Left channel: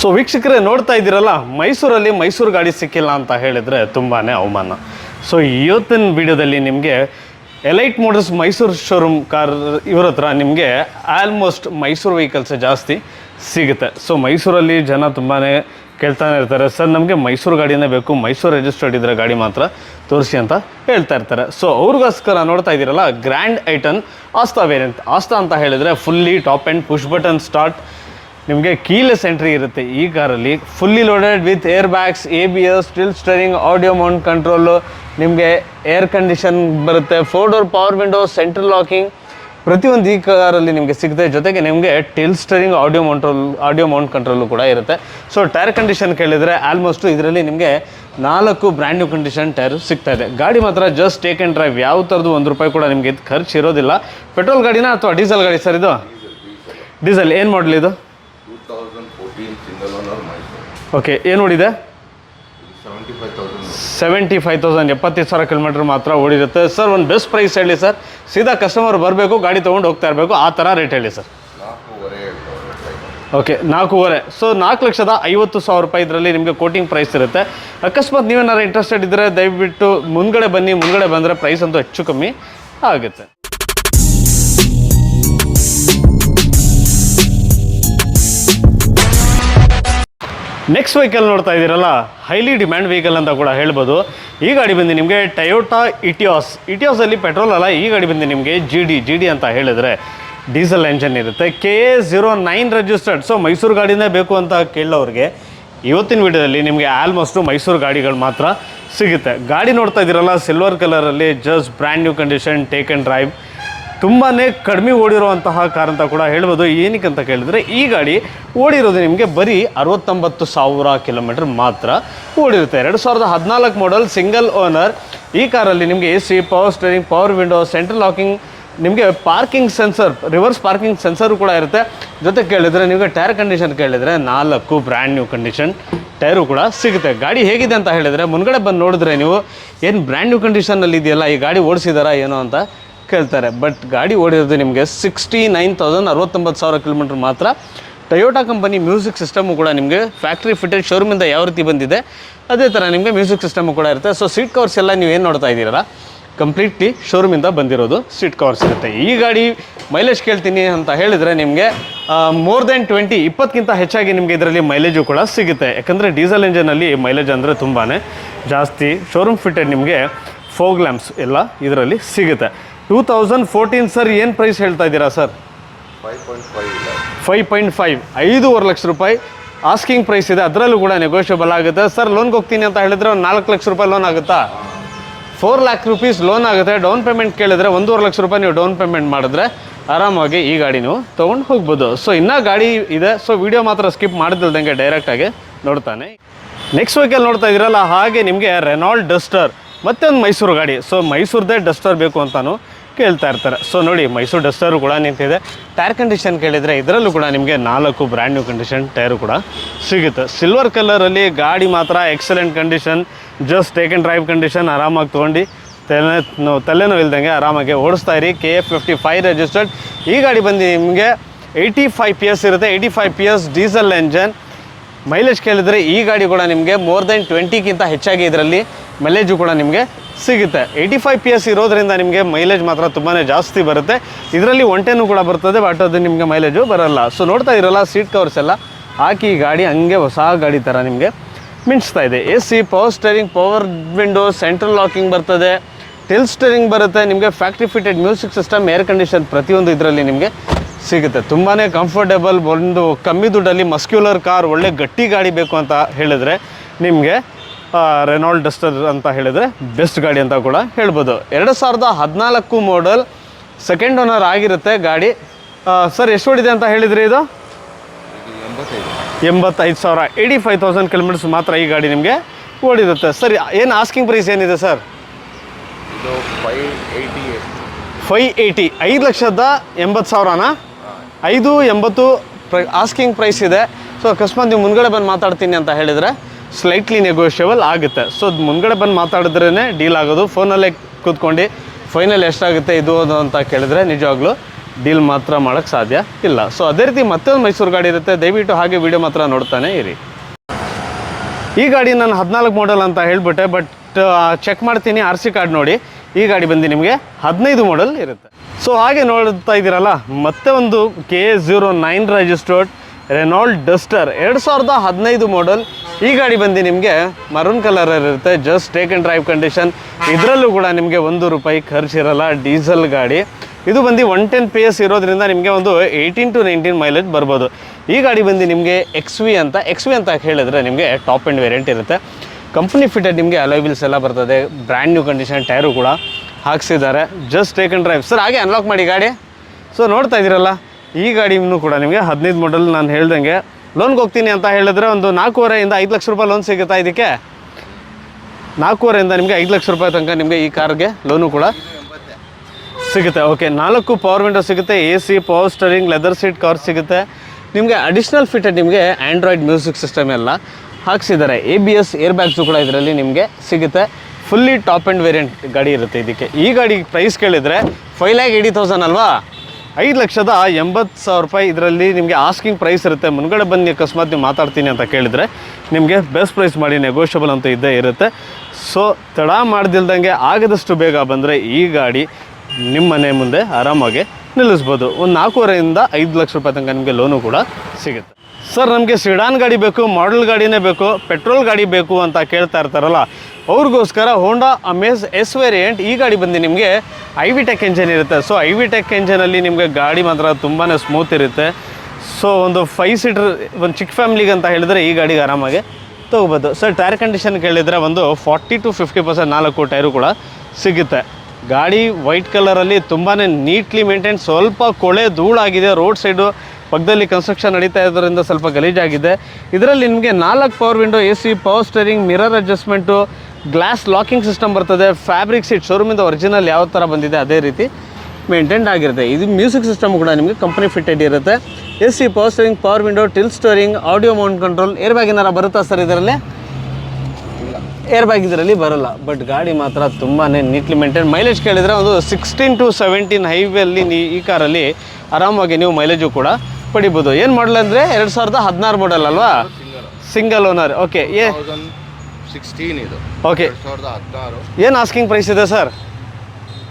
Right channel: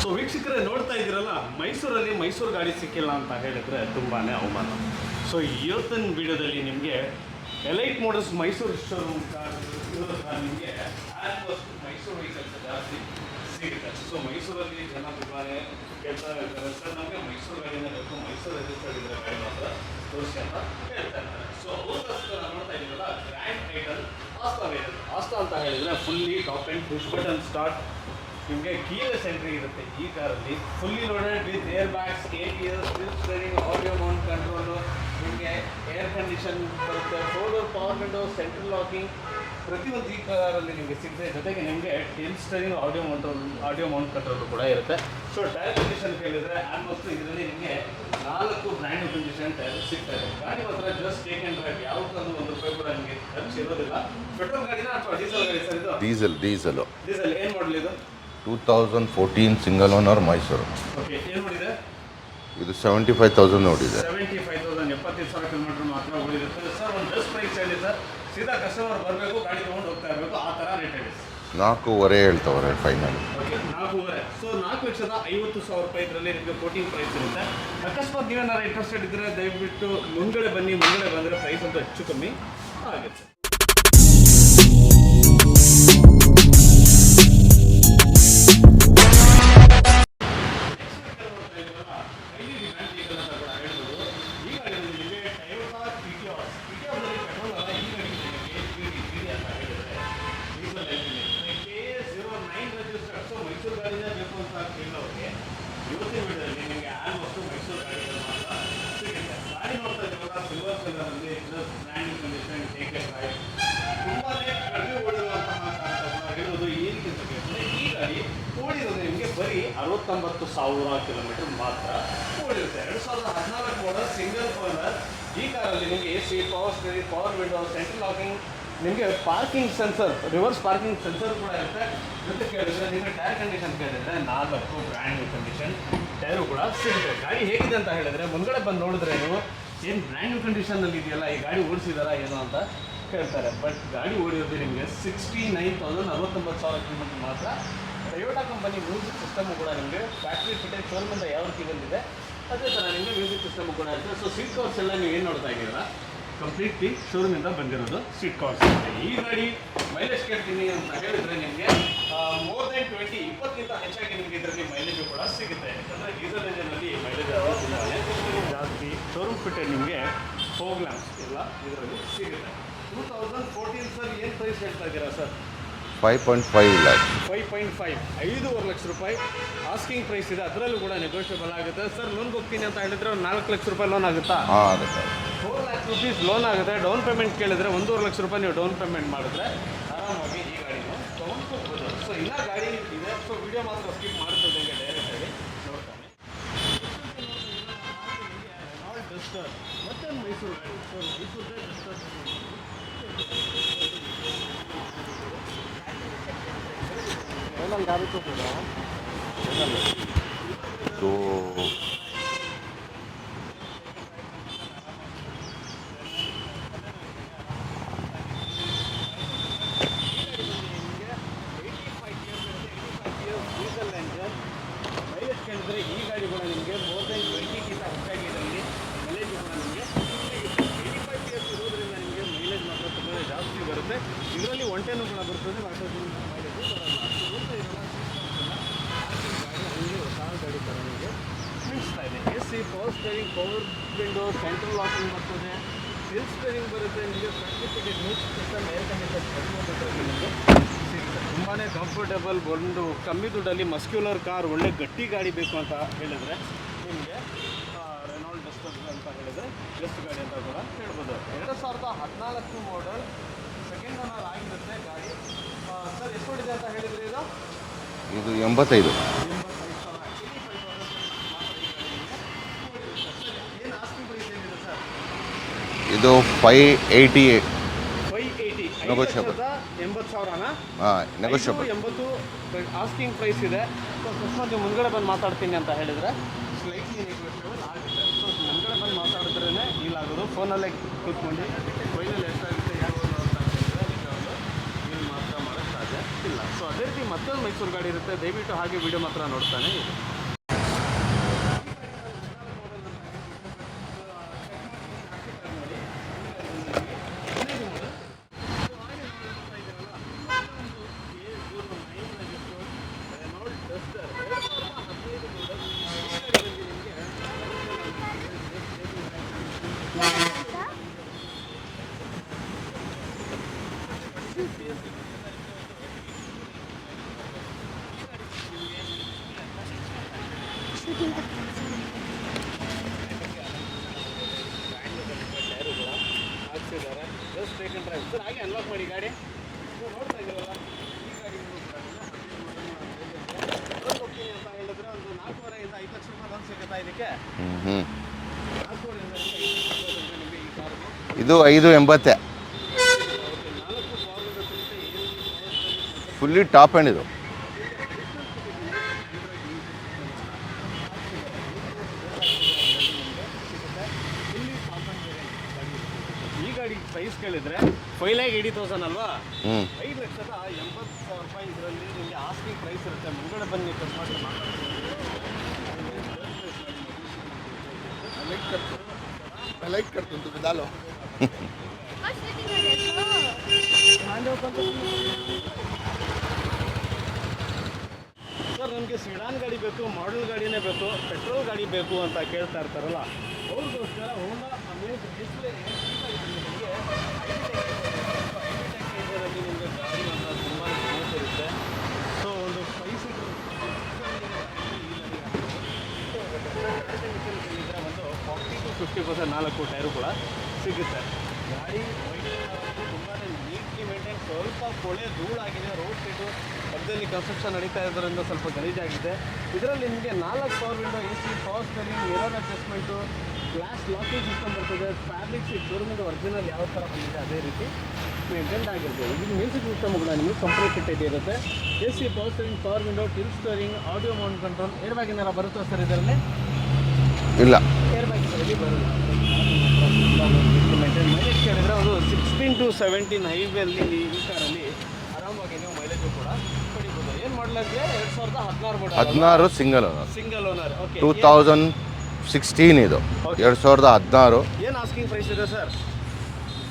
So ವೀಕ್ಷಕರೇ ನೋಡ್ತಾ ಇದ್ದೀರಲ್ಲ, ಮೈಸೂರಲ್ಲಿ ಮೈಸೂರು ಗಾಡಿ ಸಿಕ್ಕಿಲ್ಲ ಅಂತ ಹೇಳಿದರೆ ತುಂಬಾ ಅವಮಾನ. ಸೊ ಇವತ್ತಿನ ವಿಡಿಯೋದಲ್ಲಿ ನಿಮಗೆ elite motors Mysuru showroom car ಇವ್ರ ಹತ್ರ ನಿಮಗೆ ಆಲ್ಮೋಸ್ಟ್ ಮೈಸೂರು ವೆಹಿಕಲ್ಸ್ ಜಾಸ್ತಿ ಸಿಗುತ್ತೆ. ಸೊ ಮೈಸೂರಲ್ಲಿ ಜನ ತುಂಬಾ ಕೇಳ್ತಾನೆ ಇರ್ತಾರೆ, ಸರ್ ನಮಗೆ ಮೈಸೂರು ಗಾಡಿನೇ ಬೇಕು, ಮೈಸೂರು ರಿಜಿಸ್ಟರ್ಡ್ ಇದ್ದರೆ ಗಾಡಿ ಮಾತ್ರ ತೋರಿಸಿ ಅಂತ ಹೇಳ್ತಾ ಇರ್ತಾರೆ. ಸೊ ಅವ್ರಿಗೋಸ್ಕರ ನೋಡ್ತಾ ಇದ್ದೀರಲ್ಲ, ಗ್ರ್ಯಾಂಡ್ ಐಟನ್ ಆಸ್ತಾ ವೇರಿಯಂಟ್. ಆಸ್ತಾ ಅಂತ ಹೇಳಿದರೆ fully top and push button start, ನಿಮಗೆ ಕೀಲೆಸ್ ಎಂಟ್ರಿ ಇರುತ್ತೆ ಈ ಕಾರಲ್ಲಿ. Fully loaded with air bags, ABS, still steering, audio Mount control, ನಿಮಗೆ ಏರ್ ಕಂಡೀಷನ್ ಬರುತ್ತೆ, 4 door power window, central locking, ಪ್ರತಿಯೊಂದು ಈ ಕಾರಲ್ಲಿ ನಿಮಗೆ ಸಿಗುತ್ತೆ. ಜೊತೆಗೆ ನಿಮಗೆ till steering, audio Mount control ಕೂಡ ಇರುತ್ತೆ. ಸೊ ಟೈರ್ ಕಂಡೀಷನ್ ಕೇಳಿದರೆ ಆಲ್ಮೋಸ್ಟು ಇದರಲ್ಲಿ ನಿಮಗೆ 4 ಬ್ರ್ಯಾಂಡ್ ನ್ಯೂ ಕಂಡೀಷನ್ ಟೈರ್ ಸಿಗ್ತಾ ಇದೆ. ಗಾಡಿ ಮಾತ್ರ ಜಸ್ಟ್ ಟೇಕ್ ಆ್ಯಂಡ್ ಡ್ರೈವ್, ಯಾವ ಥರದ್ದು ₹1 ಕೂಡ ನಿಮಗೆ ಇದು ಖರ್ಚು ಇರೋದಿಲ್ಲ. ಪೆಟ್ರೋಲ್ ಗಾಡಿನ ಅಥವಾ ಡೀಸೆಲ್ ಗಾಡಿ ಸರ್ ಇದು? ಡೀಸೆಲ್. ಏನು ಮಾಡಲಿ ಇದು? 2014 ಸಿಂಗಲ್ ಓನರ್ ಮೈಸೂರು. ಓಕೆ, ಏನು ಓಡಿದೆ? ಇದು 75,000 ಓಡಿದೆ. 75,000, 75,000 ಕಿಲೋಮೀಟರ್ ಮಾತ್ರ ಓಡಿರುತ್ತೆ. ಸರ್ ಒಂದು ಬೆಸ್ಟ್ ಪ್ರೈಸ್ ಹೇಳಿ ಸರ್, ಸೀದಾ ಕಸ್ಟಮರ್ ಬರಬೇಕು, ಗಾಡಿ ತೊಗೊಂಡು ಹೋಗ್ತಾ ಇರಬೇಕು, ಆ ಥರ ರೇಟ್ ಹೇಳಿ ಸರ್. 4.5 ಹೇಳ್ತವ್ರೆ ಫೈನಲ್. ಓಕೆ, 4.5. ಸೊ 4,50,000 ಇದರಲ್ಲಿ ನಿಮಗೆ ಕೋಟಿಂಗ್ ಪ್ರೈಸ್ ಇರುತ್ತೆ. ಅಕಸ್ಮಾತ್ ನೀವೇನಾರು ಇಂಟ್ರೆಸ್ಟೆಡ್ ಇದ್ದರೆ ದಯವಿಟ್ಟು ಮುಂದ್ಗಡೆ ಬನ್ನಿ, ಮುಂದ್ಗಡೆ ಬಂದರೆ ಪ್ರೈಸ್ ಅಂತೂ ಹೆಚ್ಚು ಕಮ್ಮಿ ಆಗುತ್ತೆ. ನೆಕ್ಸ್ಟ್ ವೆಹಿಕಲ್ ನೋಡ್ತಾ ಇದ್ದೀರಲ್ಲ, ಹೈಲಿ ಡಿಮ್ಯಾಂಡ್ ವೆಹಿಕಲ್ ಅಂತ ಕೂಡ ಹೇಳ್ಬೋದು. ಈ ಗಾಡಿ ಬಂದು ನಿಮಗೆ ಟೊಯೋಟಾ ಇಟಿಯಾಸಲ್ಲಿ ಪೆಟ್ರೋಲ್ ಅಲ್ಲ, ಈ ಗಾಡಿ ಬಂದು ನಿಮಗೆ GD ಅಂತ ಹೇಳಿದರೆ ಡೀಸೆಲ್ ಎಂಜನ್ ಇರುತ್ತೆ. KA09 registered. ಸೊ ಮೈಸೂರು ಗಾಡಿನೇ ಬೇಕು ಅಂತ ಕೇಳೋರಿಗೆ ಇವತ್ತಿನ ವಿಡಿಯೋದಲ್ಲಿ ನಿಮಗೆ ಆಲ್ಮೋಸ್ಟು ಮೈಸೂರು ಗಾಡಿಗಳು ಮಾತ್ರ ಸಿಗುತ್ತೆ. ಗಾಡಿ ನೋಡ್ತಾ ಇದ್ದೀರಲ್ಲ, ಸಿಲ್ವರ್ ಕಲರಲ್ಲಿ, just brand new condition, take and drive, ತುಂಬಾ ಕಡಿಮೆ ಓಡಿರುವಂತಹ ಕಾರ್ ಅಂತ ಕೂಡ ಹೇಳ್ಬೋದು. ಏನಕ್ಕೆ ಅಂತ ಕೇಳಿದ್ರೆ ಈ ಗಾಡಿ ಓಡಿರೋದು ನಿಮಗೆ ಬರೀ 69,000 ಕಿಲೋಮೀಟರ್ ಮಾತ್ರ ಓಡಿರುತ್ತೆ. 2014 ಮಾಡೆಲ್, ಸಿಂಗಲ್ ಓನರ್. ಈ ಕಾರಲ್ಲಿ ನಿಮಗೆ AC, power steering, power window, central locking, ನಿಮಗೆ parking sensor, reverse parking sensor ಕೂಡ ಇರುತ್ತೆ. ಜೊತೆ ಕೇಳಿದರೆ ನಿಮಗೆ ಟೈರ್ ಕಂಡೀಷನ್ ಕೇಳಿದರೆ 4 ಬ್ರ್ಯಾಂಡ್ ನ್ಯೂ ಕಂಡೀಷನ್ ಟೈರು ಕೂಡ ಸಿಗುತ್ತೆ. ಗಾಡಿ ಹೇಗಿದೆ ಅಂತ ಹೇಳಿದರೆ ಮುನ್ಗಡೆ ಬಂದು ನೋಡಿದ್ರೆ ನೀವು ಏನು ಬ್ರ್ಯಾಂಡ್ ನ್ಯೂ ಕಂಡೀಷನಲ್ಲಿ ಇದೆಯಲ್ಲ, ಈ ಗಾಡಿ ಓಡಿಸಿದಾರಾ ಏನೋ ಅಂತ ಕೇಳ್ತಾರೆ. ಬಟ್ ಗಾಡಿ ಓಡಿರೋದು ನಿಮಗೆ 69,000 ಕಿಲೋಮೀಟರ್ ಮಾತ್ರ. ಟೊಯೋಟಾ ಕಂಪನಿ ಮ್ಯೂಸಿಕ್ ಸಿಸ್ಟಮು ಕೂಡ ನಿಮಗೆ ಫ್ಯಾಕ್ಟ್ರಿ ಫಿಟೆಡ್ ಶೋರೂಮಿಂದ ಯಾವ ರೀತಿ ಬಂದಿದೆ ಅದೇ ಥರ ನಿಮಗೆ ಮ್ಯೂಸಿಕ್ ಸಿಸ್ಟಮು ಕೂಡ ಇರುತ್ತೆ. ಸೊ ಸೀಟ್ ಕವರ್ಸ್ ಎಲ್ಲ ನೀವು ಏನು ನೋಡ್ತಾ ಇದ್ದೀರಲ್ಲ, ಕಂಪ್ಲೀಟ್ಲಿ ಶೋರೂಮಿಂದ ಬಂದಿರೋದು ಸೀಟ್ ಕವರ್ಸ್ ಇರುತ್ತೆ. ಈ ಗಾಡಿ ಮೈಲೇಜ್ ಕೇಳ್ತೀನಿ ಅಂತ ಹೇಳಿದರೆ ನಿಮಗೆ ಮೋರ್ ದೆನ್ 20-20ಕ್ಕಿಂತ ಹೆಚ್ಚಾಗಿ ನಿಮಗೆ ಇದರಲ್ಲಿ ಮೈಲೇಜು ಕೂಡ ಸಿಗುತ್ತೆ. ಯಾಕಂದರೆ ಡೀಸೆಲ್ ಇಂಜನಲ್ಲಿ ಮೈಲೇಜ್ ಅಂದರೆ ತುಂಬಾ ಜಾಸ್ತಿ. ಶೋರೂಮ್ ಫಿಟೆಡ್ ನಿಮಗೆ ಫೋಗ್ ಲ್ಯಾಂಪ್ಸ್ ಎಲ್ಲ ಇದರಲ್ಲಿ ಸಿಗುತ್ತೆ. 2014 ಸರ್, ಏನು ಪ್ರೈಸ್ ಹೇಳ್ತಾ ಇದ್ದೀರಾ ಸರ್? 5.5 ಲ್ಯಾಕ್. 5.5, ₹5,00,000 ಆಸ್ಕಿಂಗ್ ಪ್ರೈಸ್ ಇದೆ. ಅದರಲ್ಲೂ ಕೂಡ ನೆಗೋಷಿಯಬಲ್ ಆಗುತ್ತೆ. ಸರ್ ಲೋನ್ಗೆ ಹೋಗ್ತೀನಿ ಅಂತ ಹೇಳಿದರೆ ಒಂದು ₹4,00,000 ಲೋನ್ ಆಗುತ್ತಾ? 4 lakh rupees ಲೋನ್ ಆಗುತ್ತೆ. ಡೌನ್ ಪೇಮೆಂಟ್ ಕೇಳಿದ್ರೆ ₹1,50,000 ನೀವು ಡೌನ್ ಪೇಮೆಂಟ್ ಮಾಡಿದ್ರೆ ಆರಾಮಾಗಿ ಈ ಗಾಡಿ ನೀವು ತೊಗೊಂಡು ಹೋಗ್ಬೋದು. ಸೊ ಇನ್ನೂ ಗಾಡಿ ಇದೆ. ಸೊ ವಿಡಿಯೋ ಮಾತ್ರ ಸ್ಕಿಪ್ ಮಾಡಿದ್ದಂಗೆ ಡೈರೆಕ್ಟಾಗಿ ನೋಡ್ತಾನೆ. ನೆಕ್ಸ್ಟ್ ವೆಹಿಕಲ್ ನೋಡ್ತಾ ಇದ್ದೀರಲ್ಲ, ಹಾಗೆ ನಿಮಗೆ ರೆನಾಲ್ಡ್ ಡಸ್ಟರ್, ಮತ್ತೊಂದು ಮೈಸೂರು ಗಾಡಿ. ಸೊ ಮೈಸೂರದೇ ಡಸ್ಟರ್ ಬೇಕು ಅಂತಾನು ಕೇಳ್ತಾ ಇರ್ತಾರೆ. ಸೊ ನೋಡಿ, ಮೈಸೂರು ಡಸ್ಟರು ಕೂಡ ನಿಂತಿದೆ. ಟೈರ್ ಕಂಡೀಷನ್ ಕೇಳಿದರೆ ಇದರಲ್ಲೂ ಕೂಡ ನಿಮಗೆ 4 ಬ್ರ್ಯಾಂಡ್ ನ್ಯೂ ಕಂಡೀಷನ್ ಟೈರು ಕೂಡ ಸಿಗುತ್ತೆ. ಸಿಲ್ವರ್ ಕಲರಲ್ಲಿ ಗಾಡಿ ಮಾತ್ರ excellent condition, just take and drive condition. ಆರಾಮಾಗಿ ತೊಗೊಂಡು ತಲೆನೋವು ಇಲ್ದಂಗೆ ಆರಾಮಾಗಿ ಓಡಿಸ್ತಾ ಇರಿ. KA55 registered. ಈ ಗಾಡಿ ಬಂದು ನಿಮಗೆ 85 PS ಇರುತ್ತೆ. 85 PS ಡೀಸೆಲ್ ಎಂಜನ್. ಮೈಲೇಜ್ ಕೇಳಿದರೆ ಈ ಗಾಡಿ ಕೂಡ ನಿಮಗೆ ಮೋರ್ ದೆನ್ 20ಕ್ಕಿಂತ ಹೆಚ್ಚಾಗಿ ಇದರಲ್ಲಿ ಮೈಲೇಜು ಕೂಡ ನಿಮಗೆ ಸಿಗುತ್ತೆ. 85 PS ಇರೋದ್ರಿಂದ ನಿಮಗೆ ಮೈಲೇಜ್ ಮಾತ್ರ ತುಂಬಾ ಜಾಸ್ತಿ ಬರುತ್ತೆ. ಇದರಲ್ಲಿ 110 ಕೂಡ ಬರ್ತದೆ, ಬಟ್ ಅದು ನಿಮಗೆ ಮೈಲೇಜು ಬರೋಲ್ಲ. ಸೊ ನೋಡ್ತಾ ಇರಲ್ಲ, ಸೀಟ್ ಕವರ್ಸ್ ಎಲ್ಲ ಹಾಕಿ ಈ ಗಾಡಿ ಹಂಗೆ ಹೊಸ ಗಾಡಿ ಥರ ನಿಮಗೆ ಮಿಂಚ್ತಾ ಇದೆ. AC, power steering, power window, central locking ಬರ್ತದೆ, ಟಿಲ್ ಸ್ಟೇರಿಂಗ್ ಬರುತ್ತೆ, ನಿಮಗೆ factory fitted music system, air condition ಪ್ರತಿಯೊಂದು ಇದರಲ್ಲಿ ನಿಮಗೆ ಸಿಗುತ್ತೆ. ತುಂಬಾ ಕಂಫರ್ಟೇಬಲ್. ಒಂದು ಕಮ್ಮಿ ದುಡ್ಡಲ್ಲಿ ಮಸ್ಕ್ಯುಲರ್ ಕಾರ್, ಒಳ್ಳೆ ಗಟ್ಟಿ ಗಾಡಿ ಬೇಕು ಅಂತ ಹೇಳಿದರೆ ನಿಮಗೆ ರೆನಾಲ್ಡ್ ಡಸ್ಟರ್ ಅಂತ ಹೇಳಿದರೆ ಬೆಸ್ಟ್ ಗಾಡಿ ಅಂತ ಕೂಡ ಹೇಳ್ಬೋದು. 2014 ಮಾಡೆಲ್, ಸೆಕೆಂಡ್ ಓನರ್ ಆಗಿರುತ್ತೆ ಗಾಡಿ. ಸರ್ ಎಷ್ಟು ಓಡಿದೆ ಅಂತ ಹೇಳಿದ್ರಿ ಇದು? 85,000, 85,000 ಕಿಲೋಮೀಟರ್ಸ್ ಮಾತ್ರ ಈ ಗಾಡಿ ನಿಮಗೆ ಓಡಿರುತ್ತೆ. ಸರ್ ಏನು ಆಸ್ಕಿಂಗ್ ಪ್ರೈಸ್ ಏನಿದೆ ಸರ್? ಇದು 580. 5,80,000 580 ಆಸ್ಕಿಂಗ್ ಪ್ರೈಸ್ ಇದೆ. ಸೊ ಅಕಸ್ಮಾತ್ ನೀವು ಮುಂದ್ಗಡೆ ಬಂದು ಮಾತಾಡ್ತೀನಿ ಅಂತ ಹೇಳಿದರೆ ಸ್ಲೈಟ್ಲಿ ನೆಗೋಷಿಯಬಲ್ ಆಗುತ್ತೆ. ಸೊ ಮುಂದ್ಗಡೆ ಬಂದು ಮಾತಾಡಿದ್ರೇ ಡೀಲ್ ಆಗೋದು. ಫೋನಲ್ಲೇ ಕೂತ್ಕೊಂಡು ಫೈನಲ್ ಎಷ್ಟಾಗುತ್ತೆ ಇದು ಅದು ಅಂತ ಕೇಳಿದ್ರೆ ನಿಜವಾಗ್ಲೂ ಡೀಲ್ ಮಾತ್ರ ಮಾಡೋಕ್ಕೆ ಸಾಧ್ಯ ಇಲ್ಲ. ಸೊ ಅದೇ ರೀತಿ ಮತ್ತೊಂದು ಮೈಸೂರು ಗಾಡಿ ಇರುತ್ತೆ, ದಯವಿಟ್ಟು ಹಾಗೆ ವಿಡಿಯೋ ಮಾತ್ರ ನೋಡ್ತಾನೆ ಇರಿ. ಈ ಗಾಡಿ ನಾನು 14 ಮಾಡಲ್ ಅಂತ ಹೇಳ್ಬಿಟ್ಟೆ, ಬಟ್ ಚೆಕ್ ಮಾಡ್ತೀನಿ RC ಕಾರ್ಡ್ ನೋಡಿ. ಈ ಗಾಡಿ ಬಂದು ನಿಮಗೆ 15 ಮಾಡಲ್ ಇರುತ್ತೆ. ಸೊ ಹಾಗೆ ನೋಡ್ತಾ ಇದ್ದೀರಲ್ಲ, ಮತ್ತೆ ಒಂದು KA09 ರಿಜಿಸ್ಟರ್ಡ್ ರೆನಾಲ್ಡ್ ಡಸ್ಟರ್ 2015 ಮಾಡಲ್. ಈ ಗಾಡಿ ಬಂದು ನಿಮಗೆ ಮರೂನ್ ಕಲರ್ ಇರುತ್ತೆ, just take and drive condition. ಇದರಲ್ಲೂ ಕೂಡ ನಿಮಗೆ ₹1 ಖರ್ಚಿರಲ್ಲ, ಡೀಸೆಲ್ ಗಾಡಿ. ಇದು ಬಂದು 110 PS ಇರೋದ್ರಿಂದ ನಿಮಗೆ ಒಂದು 18 to 19 ಮೈಲೇಜ್ ಬರ್ಬೋದು. ಈ ಗಾಡಿ ಬಂದು ನಿಮಗೆ XV ಅಂತ ಹೇಳಿದ್ರೆ ನಿಮಗೆ ಟಾಪ್ ಆ್ಯಂಡ್ ವೇರಿಯಂಟ್ ಇರುತ್ತೆ. ಕಂಪ್ನಿ ಫಿಟೆಡ್ ನಿಮಗೆ ಅಲಾಯ್ ವೀಲ್ಸ್ ಎಲ್ಲ ಬರ್ತದೆ, ಬ್ರ್ಯಾಂಡ್ ನ್ಯೂ ಕಂಡೀಷನ್ ಟೈರು ಕೂಡ ಹಾಕ್ಸಿದ್ದಾರೆ. Just take and drive. Sir ಹಾಗೆ ಅನ್ಲಾಕ್ ಮಾಡಿ ಗಾಡಿ. ಸೊ ನೋಡ್ತಾ ಇದ್ದೀರಲ್ಲ, ಈ ಗಾಡಿನೂ ಕೂಡ ನಿಮಗೆ 15 ಮಾಡಲ್. ನಾನು ಹೇಳ್ದಂಗೆ ಲೋನ್ಗೆ ಹೋಗ್ತೀನಿ ಅಂತ ಹೇಳಿದ್ರೆ ಒಂದು 4.5 5 ಲಕ್ಷ ರೂಪಾಯಿ ಲೋನ್ ಸಿಗುತ್ತಾ ಇದಕ್ಕೆ? 4.5 ನಿಮಗೆ 5 ಲಕ್ಷ ರೂಪಾಯಿ ತನಕ ನಿಮಗೆ ಈ ಕಾರ್ಗೆ ಲೋನು ಕೂಡ 580 ಸಿಗುತ್ತೆ. ಓಕೆ, 4 ಪವರ್ ವಿಂಡೋ ಸಿಗುತ್ತೆ, AC, power steering, leather seat cover ಸಿಗುತ್ತೆ ನಿಮಗೆ. ಅಡಿಷ್ನಲ್ ಫಿಟೆಡ್ ನಿಮಗೆ ಆಂಡ್ರಾಯ್ಡ್ ಮ್ಯೂಸಿಕ್ ಸಿಸ್ಟಮ್ ಎಲ್ಲ ಹಾಕ್ಸಿದ್ದಾರೆ. ABS ಏರ್ ಬ್ಯಾಗ್ಸು ಕೂಡ ಇದರಲ್ಲಿ ನಿಮಗೆ ಸಿಗುತ್ತೆ. ಫುಲ್ಲಿ ಟಾಪ್ ಆ್ಯಂಡ್ ವೇರಿಯಂಟ್ ಗಾಡಿ ಇರುತ್ತೆ ಇದಕ್ಕೆ. ಈ ಗಾಡಿ ಪ್ರೈಸ್ ಕೇಳಿದರೆ 5,80,000 ಅಲ್ವಾ? 5,80,000 ರೂಪಾಯಿ ಇದರಲ್ಲಿ ನಿಮಗೆ ಆಸ್ಕಿಂಗ್ ಪ್ರೈಸ್ ಇರುತ್ತೆ. ಮುನ್ಗಡೆ ಬಂದು ಅಕಸ್ಮಾತ್ ನೀವು ಮಾತಾಡ್ತೀನಿ ಅಂತ ಕೇಳಿದರೆ ನಿಮಗೆ ಬೆಸ್ಟ್ ಪ್ರೈಸ್ ಮಾಡಿ ನೆಗೋಷಿಯಬಲ್ ಅಂತ ಇದ್ದೇ ಇರುತ್ತೆ. ಸೊ ತಡ ಮಾಡ್ದಿಲ್ದಂಗೆ ಆಗದಷ್ಟು ಬೇಗ ಬಂದರೆ ಈ ಗಾಡಿ ನಿಮ್ಮ ಮನೆ ಮುಂದೆ ಆರಾಮಾಗಿ ನಿಲ್ಲಿಸ್ಬೋದು. ಒಂದು 4.5 5 ಲಕ್ಷ ರೂಪಾಯಿ ತನಕ ನಿಮಗೆ ಲೋನು ಕೂಡ ಸಿಗುತ್ತೆ. ಸರ್ ನಮಗೆ ಸಿಡಾನ್ ಗಾಡಿ ಬೇಕು, ಮಾಡಲ್ ಗಾಡಿನೇ ಬೇಕು, ಪೆಟ್ರೋಲ್ ಗಾಡಿ ಬೇಕು ಅಂತ ಕೇಳ್ತಾ ಇರ್ತಾರಲ್ಲ, ಅವ್ರಿಗೋಸ್ಕರ ಹೋಂಡಾ ಅಮೇಜ್ S ವೇರಿಯಂಟ್. ಈ ಗಾಡಿ ಬಂದು ನಿಮಗೆ IV ಟೆಕ್ ಎಂಜಿನ್ ಇರುತ್ತೆ. ಸೊ IV ಟೆಕ್ ಎಂಜಿನಲ್ಲಿ ನಿಮಗೆ ಗಾಡಿ ಮಾತ್ರ ತುಂಬಾ ಸ್ಮೂತ್ ಇರುತ್ತೆ. ಸೊ ಒಂದು 5 ಸೀಟರ್ ಒಂದು ಚಿಕ್ಕ ಫ್ಯಾಮಿಲಿಗೆ ಅಂತ ಹೇಳಿದರೆ ಈ ಗಾಡಿಗೆ ಆರಾಮಾಗಿ ತೊಗೋಬೋದು. ಸರ್ ಟೈರ್ ಕಂಡೀಷನ್ ಕೇಳಿದರೆ ಒಂದು 40 to 50% 4 ಟೈರು ಕೂಡ ಸಿಗುತ್ತೆ. ಗಾಡಿ ವೈಟ್ ಕಲರಲ್ಲಿ ತುಂಬಾ ನೀಟ್ಲಿ ಮೇಂಟೈನ್. ಸ್ವಲ್ಪ ಕೊಳೆ ಧೂಳಾಗಿದೆ, ರೋಡ್ ಸೈಡು ಪಕ್ಕದಲ್ಲಿ ಕನ್ಸ್ಟ್ರಕ್ಷನ್ ನಡೀತಾ ಇರೋದ್ರಿಂದ ಸ್ವಲ್ಪ ಗಲೀಜಾಗಿದೆ. ಇದರಲ್ಲಿ ನಿಮಗೆ 4 power window, AC, power steering, mirror adjustment, glass locking system ಬರ್ತದೆ. ಫ್ಯಾಬ್ರಿಕ್ ಸೀಟ್ ಶೋರೂಮಿಂದ ಒರಿಜಿನಲ್ ಯಾವ ಥರ ಬಂದಿದೆ ಅದೇ ರೀತಿ ಮೇಂಟೈನ್ ಆಗಿರುತ್ತೆ. ಇದು ಮ್ಯೂಸಿಕ್ ಸಿಸ್ಟಮ್ ಕೂಡ ನಿಮಗೆ ಕಂಪ್ನಿ ಫಿಟೆಡ್ ಇರುತ್ತೆ. AC, power steering, power window, till storing, audio Mount control. Air bag ಏನಾರ ಬರುತ್ತಾ ಸರ್ ಇದರಲ್ಲಿ? ಇಲ್ಲ, ಏರ್ ಬ್ಯಾಗ್ ಇದರಲ್ಲಿ ಬರೋಲ್ಲ. ಬಟ್ ಗಾಡಿ ಮಾತ್ರ ತುಂಬಾ ನೀಟ್ಲಿ ಮೇಂಟೈನ್. ಮೈಲೇಜ್ ಕೇಳಿದರೆ ಒಂದು 16 to 17 ಹೈವೇಲ್ಲಿ ಈ ಕಾರಲ್ಲಿ ಆರಾಮಾಗಿ ನೀವು ಮೈಲೇಜು ಕೂಡ ಪಡಿಬೋದು. ಏನು ಮಾಡಲ್ ಅಂದರೆ 2016 ಮಾಡಲ್ ಅಲ್ವಾ? Single owner. ಓಕೆ, 2016 ಇದು. ಓಕೆ, 2016. ಏನು ಆಸ್ಕಿಂಗ್ ಪ್ರೈಸ್ ಇದೆ ಸರ್?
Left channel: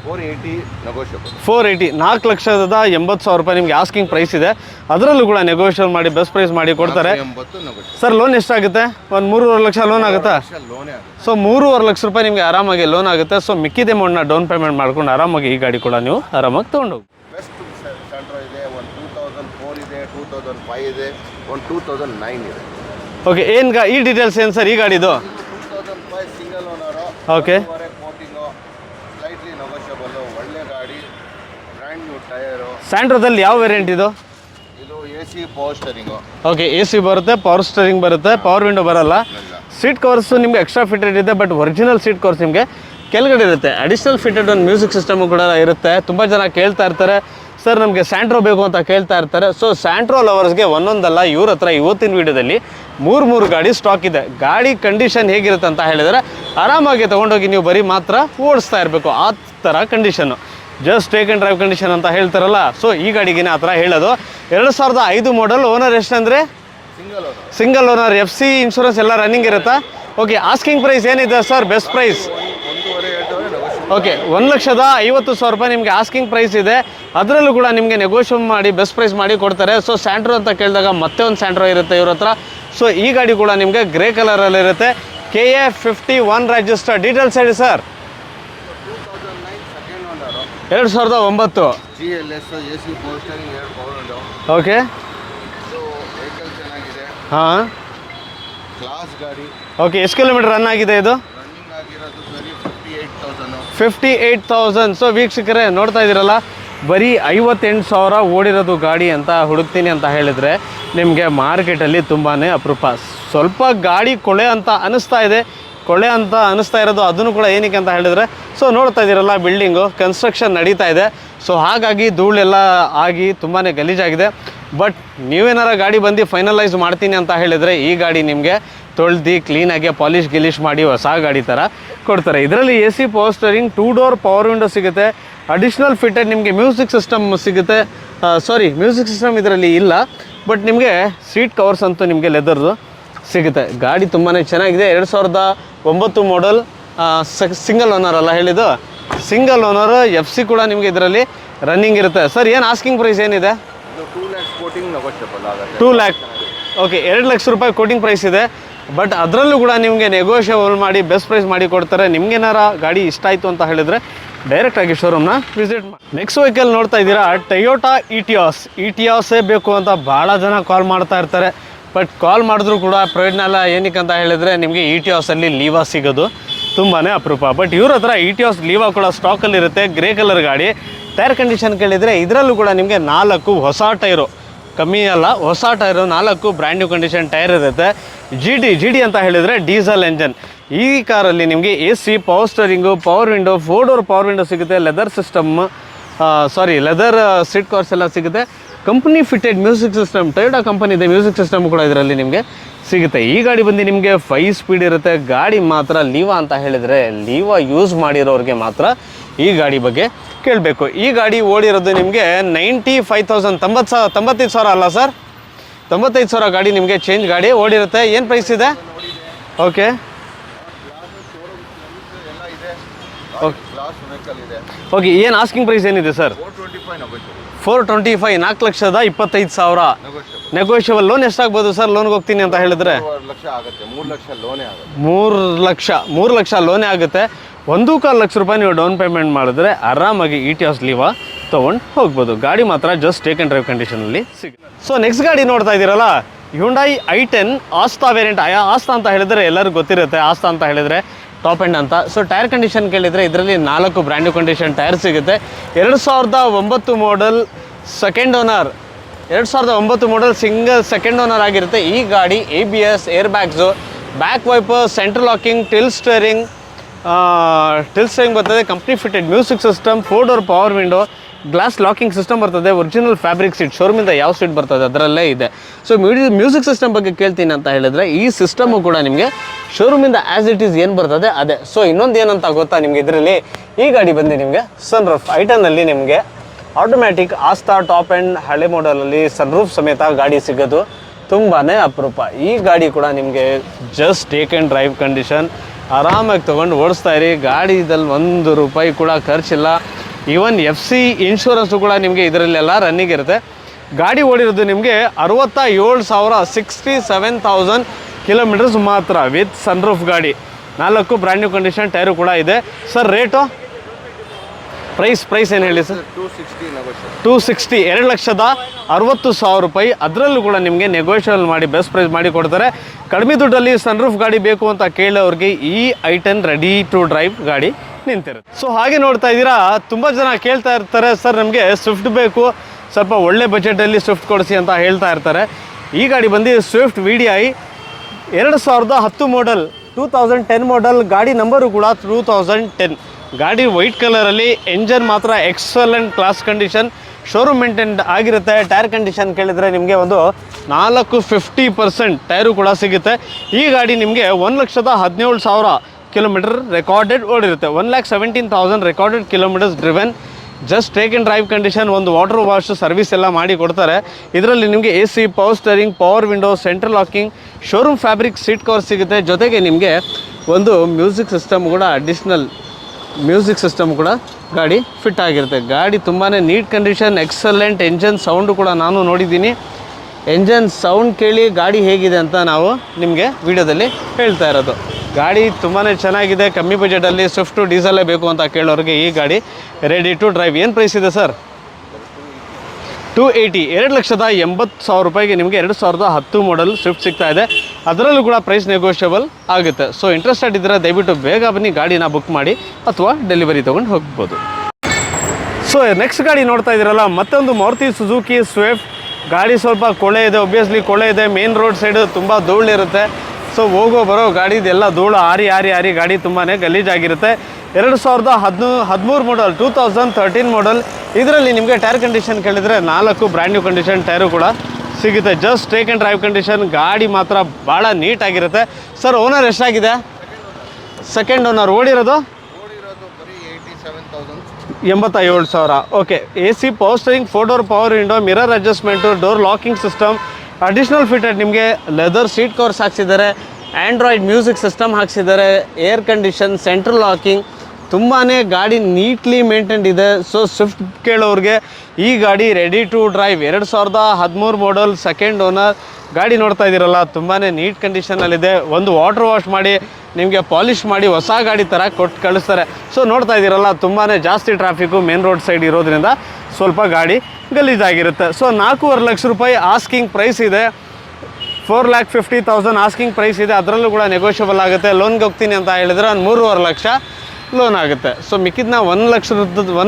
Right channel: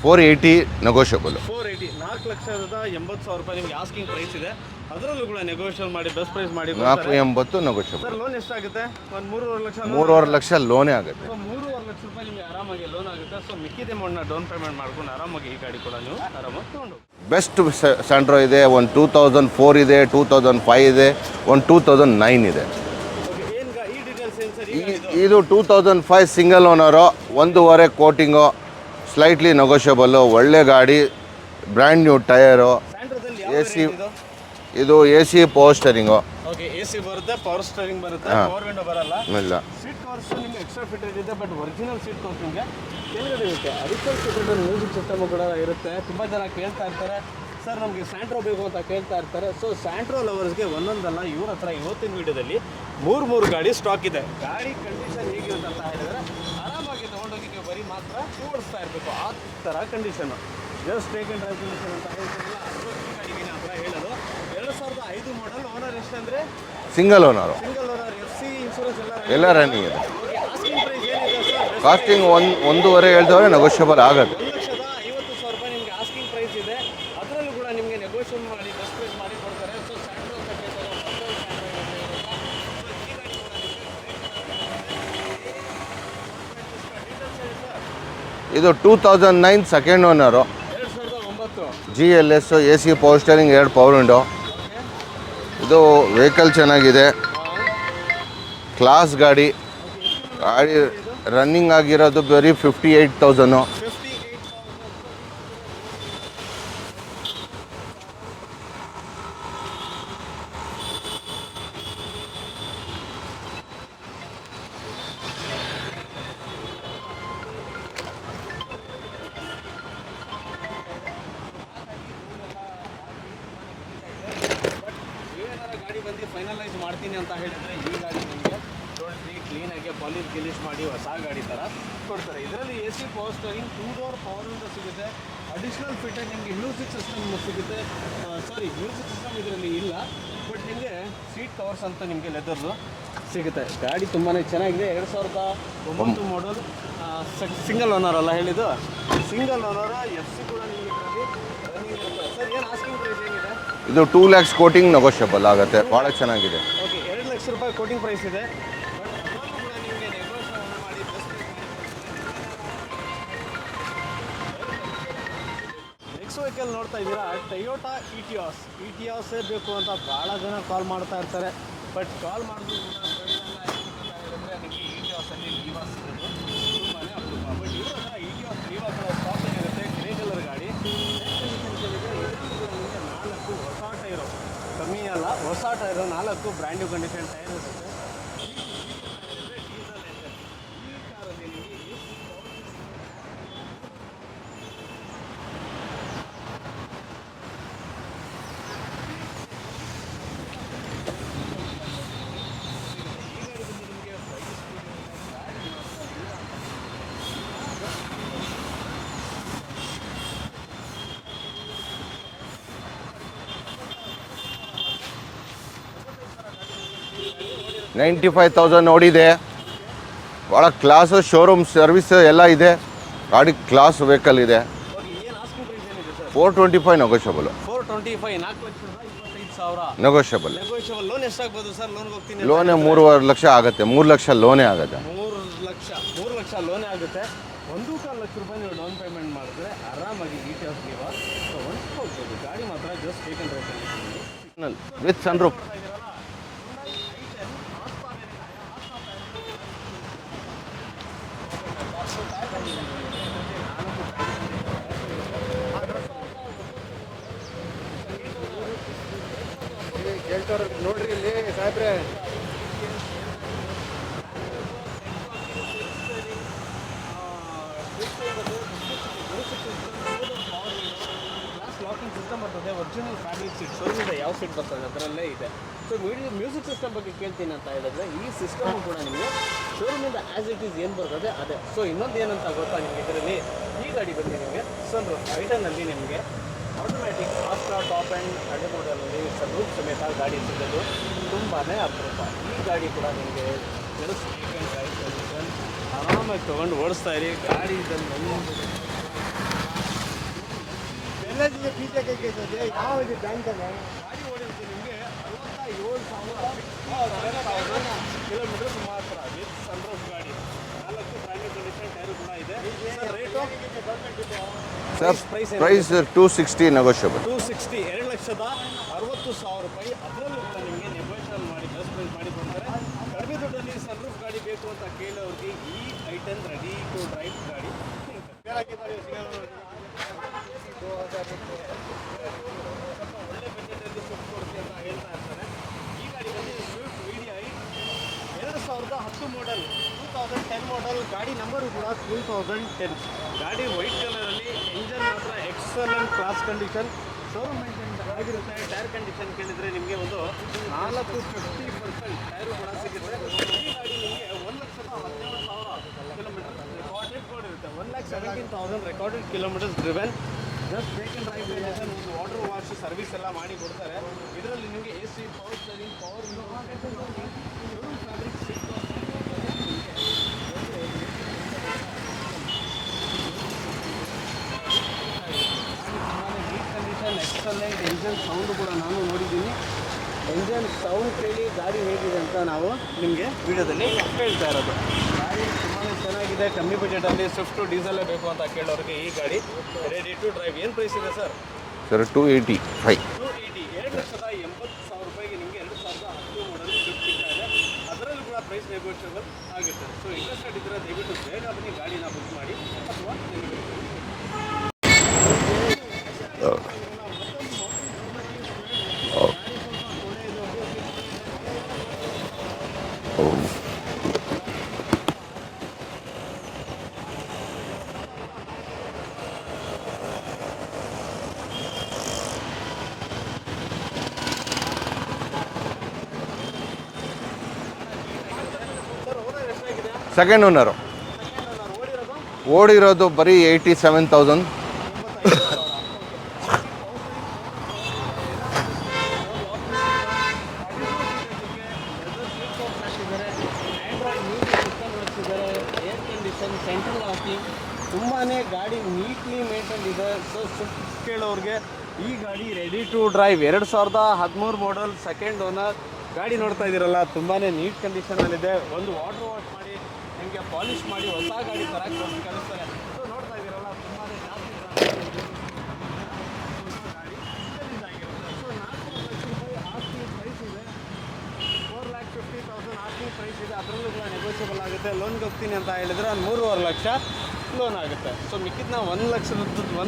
480 ನೆಗೋಷಿಯಬಲ್. 480 4,80,000 ರೂಪಾಯಿ ನಿಮಗೆ ಆಸ್ಕಿಂಗ್ ಪ್ರೈಸ್ ಇದೆ. ಅದರಲ್ಲೂ ಕೂಡ ನೆಗೋಷಿಯೇಟ್ ಮಾಡಿ ಬೆಸ್ಟ್ ಪ್ರೈಸ್ ಮಾಡಿ ಕೊಡ್ತಾರೆ. 80 ನೆಗೋಷಿಯಬಲ್. ಸರ್ ಲೋನ್ ಎಷ್ಟಾಗುತ್ತೆ? ಒಂದು 3.5 ಲಕ್ಷ ಲೋನ್ ಆಗುತ್ತೆ. ಲೋನೇ ಆಗುತ್ತೆ. ಸೊ 3.5 ಲಕ್ಷ ರೂಪಾಯಿ ನಿಮಗೆ ಆರಾಮಾಗಿ ಲೋನ್ ಆಗುತ್ತೆ. ಸೊ ಮಿಕ್ಕಿದ ಅಮೌಂಟ್ನ ಡೌನ್ ಪೇಮೆಂಟ್ ಮಾಡ್ಕೊಂಡು ಆರಾಮಾಗಿ ಈ ಗಾಡಿ ಕೂಡ ನೀವು ಆರಾಮಾಗಿ ತೊಗೊಂಡೋಗಿ. ಬೆಸ್ಟ್ ಸ್ಯಾಂಡ್ರೋ ಇದೆ, ಒಂದು 2004 ಇದೆ, 2005 ಇದೆ, ಒಂದು 2009 ಇದೆ. ಓಕೆ, ಈ ಡೀಟೇಲ್ಸ್ ಏನು ಸರ್ ಈ ಗಾಡಿದು? ಇದು 2005 single owner, 1.5 coating, slightly negotiable, ಒಳ್ಳೆ ಗಾಡಿ, ಬ್ರ್ಯಾಂಡ್ ನ್ಯೂ ಟೈರು. ಸ್ಯಾಂಡ್ರೋದಲ್ಲಿ ಯಾವ ವೇರಿಯಂಟ್ ಇದು? ಇದು AC, power steering. Okay, AC ಬರುತ್ತೆ, ಪವರ್ ಸ್ಟೇರಿಂಗ್ ಬರುತ್ತೆ, ಪವರ್ ವಿಂಡೋ ಬರಲ್ಲ. ಸೀಟ್ ಕವರ್ಸ್ ನಿಮಗೆ ಎಕ್ಸ್ಟ್ರಾ ಫಿಟೆಡ್ ಇದೆ, ಬಟ್ ಒರಿಜಿನಲ್ ಸೀಟ್ ಕವರ್ಸ್ ನಿಮಗೆ ಕೆಳಗಡೆ ಇರುತ್ತೆ. ಅಡಿಷನಲ್ ಫಿಟೆಡ್ ಒಂದು ಮ್ಯೂಸಿಕ್ ಸಿಸ್ಟಮ್ ಕೂಡ ಇರುತ್ತೆ. ತುಂಬ ಜನ ಕೇಳ್ತಾ ಇರ್ತಾರೆ ಸರ್ ನಮಗೆ ಸ್ಯಾಂಟ್ರೋ ಬೇಕು ಅಂತ ಕೇಳ್ತಾ ಇರ್ತಾರೆ. ಸೊ ಸ್ಯಾಂಟ್ರೋ ಲವರ್ಸ್ಗೆ ಒಂದೊಂದಲ್ಲ, ಇವ್ರ ಹತ್ರ ಇವತ್ತಿನ ವೀಡಿಯೋದಲ್ಲಿ 3 ಗಾಡಿ ಸ್ಟಾಕ್ ಇದೆ. ಗಾಡಿ ಕಂಡೀಷನ್ ಹೇಗಿರುತ್ತೆ ಅಂತ ಹೇಳಿದರೆ ಆರಾಮಾಗಿ ತೊಗೊಂಡೋಗಿ ನೀವು ಬರೀ ಮಾತ್ರ ಓಡಿಸ್ತಾ ಇರಬೇಕು, ಆ ಥರ condition. Just take and drive condition ಅಂತ ಹೇಳ್ತಾರಲ್ಲ, ಸೊ ಈ ಗಾಡಿಗೆ ಆ ಥರ ಹೇಳೋದು. 2005 ಮಾಡಲ್. ಓನರ್ ಎಷ್ಟಂದರೆ single owner. Single owner. FC insurance ಎಲ್ಲ ರನ್ನಿಂಗ್ ಇರುತ್ತಾ? ಓಕೆ, ಆಸ್ಕಿಂಗ್ ಪ್ರೈಸ್ ಏನಿದೆ ಸರ್? ಬೆಸ್ಟ್ ಪ್ರೈಸ್ 1.5 ಹೇಳ್ತೇವೆ, ನೆಗೋಷಿಯಬಲ್. 1,50,000 ರೂಪಾಯಿ ನಿಮಗೆ ಆಸ್ಕಿಂಗ್ ಪ್ರೈಸ್ ಇದೆ. ಅದರಲ್ಲೂ ಕೂಡ ನಿಮಗೆ ನೆಗೋಷಿಯೇಟ್ ಮಾಡಿ ಬೆಸ್ಟ್ ಪ್ರೈಸ್ ಮಾಡಿ ಕೊಡ್ತಾರೆ. ಸೊ ಸ್ಯಾಂಟ್ರೋ ಅಂತ ಕೇಳಿದಾಗ ಮತ್ತೆ ಒಂದು ಸ್ಯಾಂಟ್ರೋ ಇರುತ್ತೆ ಇವ್ರ ಹತ್ರ. ಸೊ ಈ ಗಾಡಿ ಕೂಡ ನಿಮಗೆ ಗ್ರೇ ಕಲರಲ್ಲಿರುತ್ತೆ. KA51 register. ಡೀಟೇಲ್ಸ್ ಹೇಳಿ ಸರ್. ಇದು 2009 second owner, 2009 GLS, AC, power steering, 2 power window. Okay, ಇದು ವೆಹಿಕಲ್ ಚೆನ್ನಾಗಿದೆ, ಹಾಂ, ಕ್ಲಾಸ್ ಗಾಡಿ. ಓಕೆ, ಎಷ್ಟು ಕಿಲೋಮೀಟರ್ ರನ್ ಆಗಿದೆ ಇದು? ರನ್ನಿಂಗ್ ಆಗಿರೋದು ಬರೀ 58,000. 58,000. ಸೊ ವೀಕ್ಷಕರೇ ನೋಡ್ತಾ ಇದ್ದೀರಲ್ಲ, ಬರೀ 58,000 ಓಡಿರೋದು ಗಾಡಿ ಅಂತ ಹುಡುಕ್ತೀನಿ ಅಂತ ಹೇಳಿದರೆ ನಿಮಗೆ ಮಾರ್ಕೆಟಲ್ಲಿ ತುಂಬಾ ಅಪರೂಪ. ಸ್ವಲ್ಪ ಗಾಡಿ ಕೊಳೆ ಅಂತ ಅನ್ನಿಸ್ತಾ ಇದೆ. ಕೊಳೆ ಅಂತ ಅನ್ನಿಸ್ತಾ ಇರೋದು ಅದನ್ನು ಕೂಡ ಏನಕ್ಕೆ ಅಂತ ಹೇಳಿದರೆ, ಸೊ ನೋಡ್ತಾ ಇದ್ದೀರಲ್ಲ ಬಿಲ್ಡಿಂಗು ಕನ್ಸ್ಟ್ರಕ್ಷನ್ ನಡೀತಾ ಇದೆ. ಸೊ ಹಾಗಾಗಿ ಧೂಳೆಲ್ಲ ಆಗಿ ತುಂಬಾ ಗಲೀಜಾಗಿದೆ. ಬಟ್ ನೀವೇನಾರ ಗಾಡಿ ಬಂದು ಫೈನಲೈಸ್ ಮಾಡ್ತೀನಿ ಅಂತ ಹೇಳಿದರೆ ಈ ಗಾಡಿ ನಿಮಗೆ ತೊಳ್ದು ಕ್ಲೀನಾಗಿ ಪಾಲಿಶ್ ಗಿಲಿಶ್ ಮಾಡಿ ಹೊಸ ಗಾಡಿ ಥರ ಕೊಡ್ತಾರೆ. ಇದರಲ್ಲಿ AC, power steering, 2 door power window ಸಿಗುತ್ತೆ. ಅಡಿಷ್ನಲ್ ಫಿಟೆಡ್ ನಿಮಗೆ ಮ್ಯೂಸಿಕ್ ಸಿಸ್ಟಮ್ ಸಿಗುತ್ತೆ. ಸಾರಿ, ಮ್ಯೂಸಿಕ್ ಸಿಸ್ಟಮ್ ಇದರಲ್ಲಿ ಇಲ್ಲ, ಬಟ್ ನಿಮಗೆ ಸೀಟ್ ಕವರ್ಸ್ ಅಂತೂ ನಿಮಗೆ ಲೆದರ್ದು ಸಿಗುತ್ತೆ. ಗಾಡಿ ತುಂಬಾ ಚೆನ್ನಾಗಿದೆ. 2009 ಮಾಡಲ್, ಸಿಂಗಲ್ ಓನರ್ ಅಲ್ಲ ಹೇಳಿದ್ದು, ಸಿಂಗಲ್ ಓನರ್. FC ಕೂಡ ನಿಮಗೆ ಇದರಲ್ಲಿ ರನ್ನಿಂಗ್ ಇರುತ್ತೆ. ಸರ್, ಏನು ಆಸ್ಕಿಂಗ್ ಪ್ರೈಸ್ ಏನಿದೆ? ಇದು 2 lakhs ಕೋಟಿಂಗ್ ನೆಗೋಷಿಯಬಲ್ ಆಗುತ್ತೆ. 2 lakh ಚೆನ್ನಾಗಿದೆ. ಓಕೆ, 2 ಲಕ್ಷ ರೂಪಾಯಿ ಕೋಟಿಂಗ್ ಪ್ರೈಸ್ ಇದೆ. ಬಟ್ ಅದರಲ್ಲೂ ಕೂಡ ನಿಮಗೆ ನೆಗೋಷಿಯಬಲ್ ಮಾಡಿ ಬೆಸ್ಟ್ ಪ್ರೈಸ್ ಮಾಡಿ ಕೊಡ್ತಾರೆ. ನಿಮ್ಗೇನಾರ ಗಾಡಿ ಇಷ್ಟ ಆಯಿತು ಅಂತ ಹೇಳಿದರೆ ಡೈರೆಕ್ಟಾಗಿ ಶೋರೂಮ್ನ ವಿಸಿಟ್ ಮಾಡಿ. ನೆಕ್ಸ್ಟ್ ವೆಹಿಕಲ್ ನೋಡ್ತಾ ಇದ್ದೀರಾ, ಟೊಯೋಟಾ ಇಟಿಯಾಸ್. ಇಟಿಯಾಸೇ ಬೇಕು ಅಂತ ಭಾಳ ಜನ ಕಾಲ್ ಮಾಡ್ತಾ ಇರ್ತಾರೆ. ಬಟ್ ಕಾಲ್ ಮಾಡಿದ್ರು ಕೂಡ ಪ್ರಯೋಜನ ಇಲ್ಲ. ಏನಕ್ಕೆ ಅಂತ ಹೇಳಿದರೆ ನಿಮಗೆ ಇಟಿಯಾಸಲ್ಲಿ ಲೀವಾ ಸಿಗೋದು ತುಂಬಾ ಅಪರೂಪ. ಬಟ್ ಇವ್ರ ಹತ್ರ ಇಟಿಯಾಸ್ ಲೀವಾ ಕೂಡ ಸ್ಟಾಕಲ್ಲಿರುತ್ತೆ. ಗ್ರೇ ಕಲರ್ ಗಾಡಿ. ಟೈರ್ ಕಂಡೀಷನ್ ಕೇಳಿದರೆ ಇದರಲ್ಲೂ ಕೂಡ ನಿಮಗೆ 4 ಹೊಸ ಟೈರು, ಕಮ್ಮಿ ಅಲ್ಲ, ಹೊಸ tyre 4 brand new condition tyre ಇರುತ್ತೆ. ಜಿ ಡಿ ಅಂತ ಹೇಳಿದರೆ ಡೀಸೆಲ್ ಎಂಜನ್. ಈ ಕಾರಲ್ಲಿ ನಿಮಗೆ AC, power steering, power window, 4 door power window ಸಿಗುತ್ತೆ. Leather system, leather seat covers ಎಲ್ಲ ಸಿಗುತ್ತೆ. Company fitted music system, Toyota ಕಂಪನಿದೆ ಮ್ಯೂಸಿಕ್ ಸಿಸ್ಟಮ್ ಕೂಡ ಇದರಲ್ಲಿ ನಿಮಗೆ ಸಿಗುತ್ತೆ. ಈ ಗಾಡಿ ಬಂದು ನಿಮಗೆ 5 ಸ್ಪೀಡ್ ಇರುತ್ತೆ. ಗಾಡಿ ಮಾತ್ರ ಲೀವಾ ಅಂತ ಹೇಳಿದರೆ ಲೀವಾ ಯೂಸ್ ಮಾಡಿರೋರಿಗೆ ಮಾತ್ರ ಈ ಗಾಡಿ ಬಗ್ಗೆ ಕೇಳಬೇಕು. ಈ ಗಾಡಿ ಓಡಿರೋದು ನಿಮಗೆ 95,000, 95,000 ಅಲ್ಲ ಸರ್, 95,000 ಗಾಡಿ ನಿಮಗೆ ಚೇಂಜ್ ಗಾಡಿ ಓಡಿರುತ್ತೆ. ಏನು ಪ್ರೈಸ್ ಇದೆ? ನೋಡಿದೆ. ಓಕೆ, ಭಾಳ ಕ್ಲಾಸ್, ಶೋರೂಮ್ ಸರ್ವಿಸ್ ಎಲ್ಲ ಇದೆ. ಗಾಡಿ ಕ್ಲಾಸ್ ವೆಹಿಕಲ್ ಇದೆ. ಓಕೆ, ಏನು ಆಸ್ಕಿಂಗ್ ಪ್ರೈಸ್ ಏನಿದೆ sir? 425 negotiable. 425, 4,25,000 negotiable. Negotiable. Loan ಎಷ್ಟಾಗ್ಬೋದು ಸರ್? ಲೋನ್ಗೆ ಹೋಗ್ತೀನಿ ಅಂತ ಹೇಳಿದ್ರೆ 3 ಲಕ್ಷ ಆಗುತ್ತೆ. 3 ಲಕ್ಷ ಲೋನೇ ಆಗುತ್ತೆ. 3 ಲಕ್ಷ ಲೋನೇ ಆಗುತ್ತೆ. 1.25 ಲಕ್ಷ ರೂಪಾಯಿ ನೀವು ಡೌನ್ ಪೇಮೆಂಟ್ ಮಾಡಿದ್ರೆ ಆರಾಮಾಗಿ ಇಟಿಯಾಸ್ ಲೀವಾ ತೊಗೊಂಡು ಹೋಗ್ಬೋದು. ಗಾಡಿ ಮಾತ್ರ ಜಸ್ಟ್ ಟೇಕ್ ಆ್ಯಂಡ್ ಡ್ರೈವ್ ಕಂಡೀಷನಲ್ಲಿ ಸಿಗ್ನಲ್. ಸೊ ನೆಕ್ಸ್ಟ್ ಗಾಡಿ ನೋಡ್ತಾ ಇದ್ದೀರಲ್ಲ, ಹ್ಯುಂಡೈ i10 ಆಸ್ತಾ ವೇರಿಯಂಟ್. ಆಸ್ತಾ ಅಂತ ಹೇಳಿದರೆ ಎಲ್ಲರಿಗೂ ಗೊತ್ತಿರುತ್ತೆ. ಆಸ್ತಾ ಅಂತ ಹೇಳಿದರೆ ಟಾಪ್ ಎಂಡ್ ಅಂತ. ಸೊ ಟೈರ್ ಕಂಡೀಷನ್ ಕೇಳಿದರೆ ಇದರಲ್ಲಿ 4 ಬ್ರ್ಯಾಂಡ್ ನ್ಯೂ ಕಂಡೀಷನ್ ಟೈರ್ ಸಿಗುತ್ತೆ. 2009 model, second owner. 2009 model second owner ಆಗಿರುತ್ತೆ. ಈ ಗಾಡಿ ABS, air bags, back wiper, central locking, tilt steering ಬರ್ತದೆ. Company fitted music system, 4 door power window, glass locking system ಬರ್ತದೆ. Original fabric seat, ಶೋರೂಮಿಂದ ಯಾವ seat ಬರ್ತದೆ ಅದರಲ್ಲೇ ಇದೆ. ಸೊ ಮ್ಯೂಸಿಕ್ ಸಿಸ್ಟಮ್ ಬಗ್ಗೆ ಕೇಳ್ತೀನಿ ಅಂತ ಹೇಳಿದರೆ ಈ ಸಿಸ್ಟಮು ಕೂಡ ನಿಮಗೆ ಶೋರೂಮಿಂದ ಆ್ಯಸ್ ಇಟ್ ಈಸ್ ಏನು ಬರ್ತದೆ ಅದೇ. ಸೊ ಇನ್ನೊಂದು ಏನಂತ ಗೊತ್ತಾ ನಿಮಗೆ, ಇದರಲ್ಲಿ ಈ ಗಾಡಿ ಬಂದು ನಿಮಗೆ ಸನ್ರೂಫ್. i10ನಲ್ಲಿ ನಿಮಗೆ ಆಟೋಮ್ಯಾಟಿಕ್ ಆಸ್ತಾ ಟಾಪ್ ಆ್ಯಂಡ್ ಹಳೆ ಮಾಡಲಲ್ಲಿ ಸನ್ರೂಫ್ ಸಮೇತ ಗಾಡಿ ಸಿಗೋದು ತುಂಬಾ ಅಪರೂಪ. ಈ ಗಾಡಿ ಕೂಡ ನಿಮಗೆ just take and drive condition, ಆರಾಮಾಗಿ ತೊಗೊಂಡು ಓಡಿಸ್ತಾ ಇರಿ. ಗಾಡಿದಲ್ಲಿ 1 ರೂಪಾಯಿ ಕೂಡ ಖರ್ಚಿಲ್ಲ. ಈವನ್ FC ಇನ್ಶೂರೆನ್ಸು ಕೂಡ ನಿಮಗೆ ಇದರಲ್ಲೆಲ್ಲ ರನ್ನಿಂಗ್ ಇರುತ್ತೆ. ಗಾಡಿ ಓಡಿರೋದು ನಿಮಗೆ 67,000 ಕಿಲೋಮೀಟರ್ಸ್ ಮಾತ್ರ ವಿತ್ ಸನ್ರೂಫ್ ಗಾಡಿ. 4 ಬ್ರ್ಯಾಂಡ್ ನ್ಯೂ ಕಂಡೀಷನ್ ಟೈರು ಕೂಡ ಇದೆ. ಸರ್, ರೇಟು ಪ್ರೈಸ್ ಏನು ಹೇಳಿ ಸರ್? 260 ನೆಗೋಷಿಯಬಲ್. 260, 2,60,000 ರೂಪಾಯಿ. ಅದರಲ್ಲೂ ಕೂಡ ನಿಮಗೆ ನೆಗೋಷಿಯಬಲ್ ಮಾಡಿ ಬೆಸ್ಟ್ ಪ್ರೈಸ್ ಮಾಡಿ ಕೊಡ್ತಾರೆ. ಕಡಿಮೆ ದುಡ್ಡಲ್ಲಿ ಸನ್ರೂಫ್ ಗಾಡಿ ಬೇಕು ಅಂತ ಕೇಳೋರಿಗೆ ಈ i10 ರೆಡಿ ಟು ಡ್ರೈವ್ ಗಾಡಿ ನಿಂತಿರುತ್ತೆ. ಸೊ ಹಾಗೆ ನೋಡ್ತಾ ಇದ್ದೀರಾ, ತುಂಬ ಜನ ಕೇಳ್ತಾ ಇರ್ತಾರೆ, ಸರ್ ನಮಗೆ ಸ್ವಿಫ್ಟ್ ಬೇಕು, ಸ್ವಲ್ಪ ಒಳ್ಳೆ ಬಜೆಟಲ್ಲಿ ಸ್ವಿಫ್ಟ್ ಕೊಡಿಸಿ ಅಂತ ಹೇಳ್ತಾ ಇರ್ತಾರೆ. ಈ ಗಾಡಿ ಬಂದು ಸ್ವಿಫ್ಟ್ VDI 2010 ಮಾಡಲ್, 2010 ಮಾಡಲ್. ಗಾಡಿ ನಂಬರು ಕೂಡ 2010. ಗಾಡಿ ವೈಟ್ ಕಲರಲ್ಲಿ. ಎಂಜನ್ ಮಾತ್ರ excellent class condition, showroom maintained ಆಗಿರುತ್ತೆ. ಟೈರ್ ಕಂಡೀಷನ್ ಕೇಳಿದರೆ ನಿಮಗೆ ಒಂದು 450% ಟೈರು ಕೂಡ ಸಿಗುತ್ತೆ. ಈ ಗಾಡಿ ನಿಮಗೆ 1,17,000 ಕಿಲೋಮೀಟರ್ ರೆಕಾರ್ಡೆಡ್ ಓಡಿರುತ್ತೆ. 1,17,000 recorded kilometres driven. Just take and drive condition. ಒಂದು ವಾಟರ್ ವಾಶ್ ಸರ್ವಿಸ್ ಎಲ್ಲ ಮಾಡಿ ಕೊಡ್ತಾರೆ. ಇದರಲ್ಲಿ ನಿಮಗೆ AC, power steering, power window, central locking, showroom fabric seat cover ಸಿಗುತ್ತೆ. ಜೊತೆಗೆ ನಿಮಗೆ ಒಂದು ಮ್ಯೂಸಿಕ್ ಸಿಸ್ಟಮ್ ಕೂಡ, ಅಡಿಷ್ನಲ್ ಮ್ಯೂಸಿಕ್ ಸಿಸ್ಟಮ್ ಕೂಡ ಗಾಡಿ ಫಿಟ್ ಆಗಿರುತ್ತೆ. ಗಾಡಿ ತುಂಬಾ neat condition, excellent. Engine sound ಕೂಡ ನಾನು ನೋಡಿದ್ದೀನಿ. ಎಂಜನ್ ಸೌಂಡ್ ಕೇಳಿ ಗಾಡಿ ಹೇಗಿದೆ ಅಂತ ನಾವು ನಿಮಗೆ ವಿಡಿಯೋದಲ್ಲಿ ಹೇಳ್ತಾ ಇರೋದು. ಗಾಡಿ ತುಂಬಾ ಚೆನ್ನಾಗಿದೆ. ಕಮ್ಮಿ ಬಜೆಟಲ್ಲಿ ಸ್ವಿಫ್ಟು ಡೀಸೆಲ್ಲೇ ಬೇಕು ಅಂತ ಕೇಳೋರಿಗೆ ಈ ಗಾಡಿ ರೆಡಿ ಟು ಡ್ರೈವ್. ಏನು ಪ್ರೈಸ್ ಇದೆ ಸರ್? ಸರ್ 280. 280,000 ರೂಪಾಯಿಗೆ ನಿಮಗೆ 2010 ಮಾಡಲ್ ಸ್ವಿಫ್ಟ್ ಸಿಗ್ತಾ ಇದೆ. ಅದರಲ್ಲೂ ಕೂಡ ಪ್ರೈಸ್ ನೆಗೋಷಿಯಬಲ್ ಆಗುತ್ತೆ. ಸೊ ಇಂಟ್ರೆಸ್ಟೆಡ್ ಇದ್ದರೆ ದಯವಿಟ್ಟು ಬೇಗ ಬನ್ನಿ, ಗಾಡಿನ ಬುಕ್ ಮಾಡಿ ಅಥವಾ ಡೆಲಿವರಿ ತೊಗೊಂಡು ಹೋಗ್ಬೋದು. ಸೊ ನೆಕ್ಸ್ಟ್ ಗಾಡಿ ನೋಡ್ತಾ ಇದ್ದೀರಲ್ಲ, ಮತ್ತೊಂದು ಮಾರುತಿ ಸುಜುಕಿ ಸ್ವಿಫ್ಟ್. ಗಾಡಿ ಸ್ವಲ್ಪ ಕೊಳೆ ಇದೆ, ಒಬ್ವಿಯಸ್ಲಿ ಕೊಳೆ ಇದೆ. ಮೇನ್ ರೋಡ್ ಸೈಡು ತುಂಬ ಧೂಳಿರುತ್ತೆ. ಸೊ ಹೋಗೋ ಬರೋ ಗಾಡಿದೆಲ್ಲ ಧೂಳು ಆರಿ ಗಾಡಿ ತುಂಬಾ ಗಲೀಜಾಗಿರುತ್ತೆ. 2013 ಮಾಡಲ್, 2013 ಮಾಡಲ್. ಇದರಲ್ಲಿ ನಿಮಗೆ ಟೈರ್ ಕಂಡೀಷನ್ ಕೇಳಿದರೆ 4 ಬ್ರ್ಯಾಂಡ್ ನ್ಯೂ ಕಂಡೀಷನ್ ಟೈರು ಕೂಡ ಸಿಗುತ್ತೆ. Just take and drive condition. ಗಾಡಿ ಮಾತ್ರ ಭಾಳ ನೀಟಾಗಿರುತ್ತೆ. ಸರ್, ಓನರ್ ಎಷ್ಟಾಗಿದೆ? Second owner. ಓಡಿರೋದು ಬರೀ 87,000. 87,000. Okay. A C, power steering, 4 door power window, mirror adjustment, door locking system, additional fitted ನಿಮಗೆ ಲೆದರ್ ಸೀಟ್ ಕವರ್ಸ್ ಹಾಕ್ಸಿದ್ದಾರೆ, ಆ್ಯಂಡ್ರಾಯ್ಡ್ ಮ್ಯೂಸಿಕ್ ಸಿಸ್ಟಮ್ ಹಾಕ್ಸಿದ್ದಾರೆ, ಏರ್ ಕಂಡೀಷನ್, ಸೆಂಟ್ರಲ್ ಲಾಕಿಂಗ್, ತುಂಬಾ ಗಾಡಿ ನೀಟ್ಲಿ ಮೇಂಟೈನ್ಡ್ ಇದೆ. So Swift ಕೇಳೋರಿಗೆ ಈ ಗಾಡಿ ready to drive. 2013 model, second owner ಗಾಡಿ ನೋಡ್ತಾ ಇದ್ದೀರಲ್ಲ, ತುಂಬಾ ನೀಟ್ ಕಂಡೀಷನಲ್ಲಿದೆ. ಒಂದು ವಾಟರ್ ವಾಶ್ ಮಾಡಿ ನಿಮಗೆ ಪಾಲಿಷ್ ಮಾಡಿ ಹೊಸ ಗಾಡಿ ಥರ ಕೊಟ್ಟು ಕಳಿಸ್ತಾರೆ. ಸೊ ನೋಡ್ತಾ ಇದ್ದೀರಲ್ಲ, ತುಂಬಾ ಜಾಸ್ತಿ ಟ್ರಾಫಿಕ್ಕು ಮೇನ್ ರೋಡ್ ಸೈಡ್ ಇರೋದ್ರಿಂದ ಸ್ವಲ್ಪ ಗಾಡಿ ಗಲೀಜಾಗಿರುತ್ತೆ. ಸೊ 4.5 ಲಕ್ಷ ರೂಪಾಯಿ ಆಸ್ಕಿಂಗ್ ಪ್ರೈಸ್ ಇದೆ. 4,50,000 ಆಸ್ಕಿಂಗ್ ಪ್ರೈಸ್ ಇದೆ. ಅದರಲ್ಲೂ ಕೂಡ ನೆಗೋಷಿಯಬಲ್ ಆಗುತ್ತೆ. ಲೋನ್ಗೆ ಹೋಗ್ತೀನಿ ಅಂತ ಹೇಳಿದ್ರೆ ಒಂದು 3.5 ಲಕ್ಷ ಲೋನ್ ಆಗುತ್ತೆ. ಸೊ ಮಿಕ್ಕಿದ್ನ 1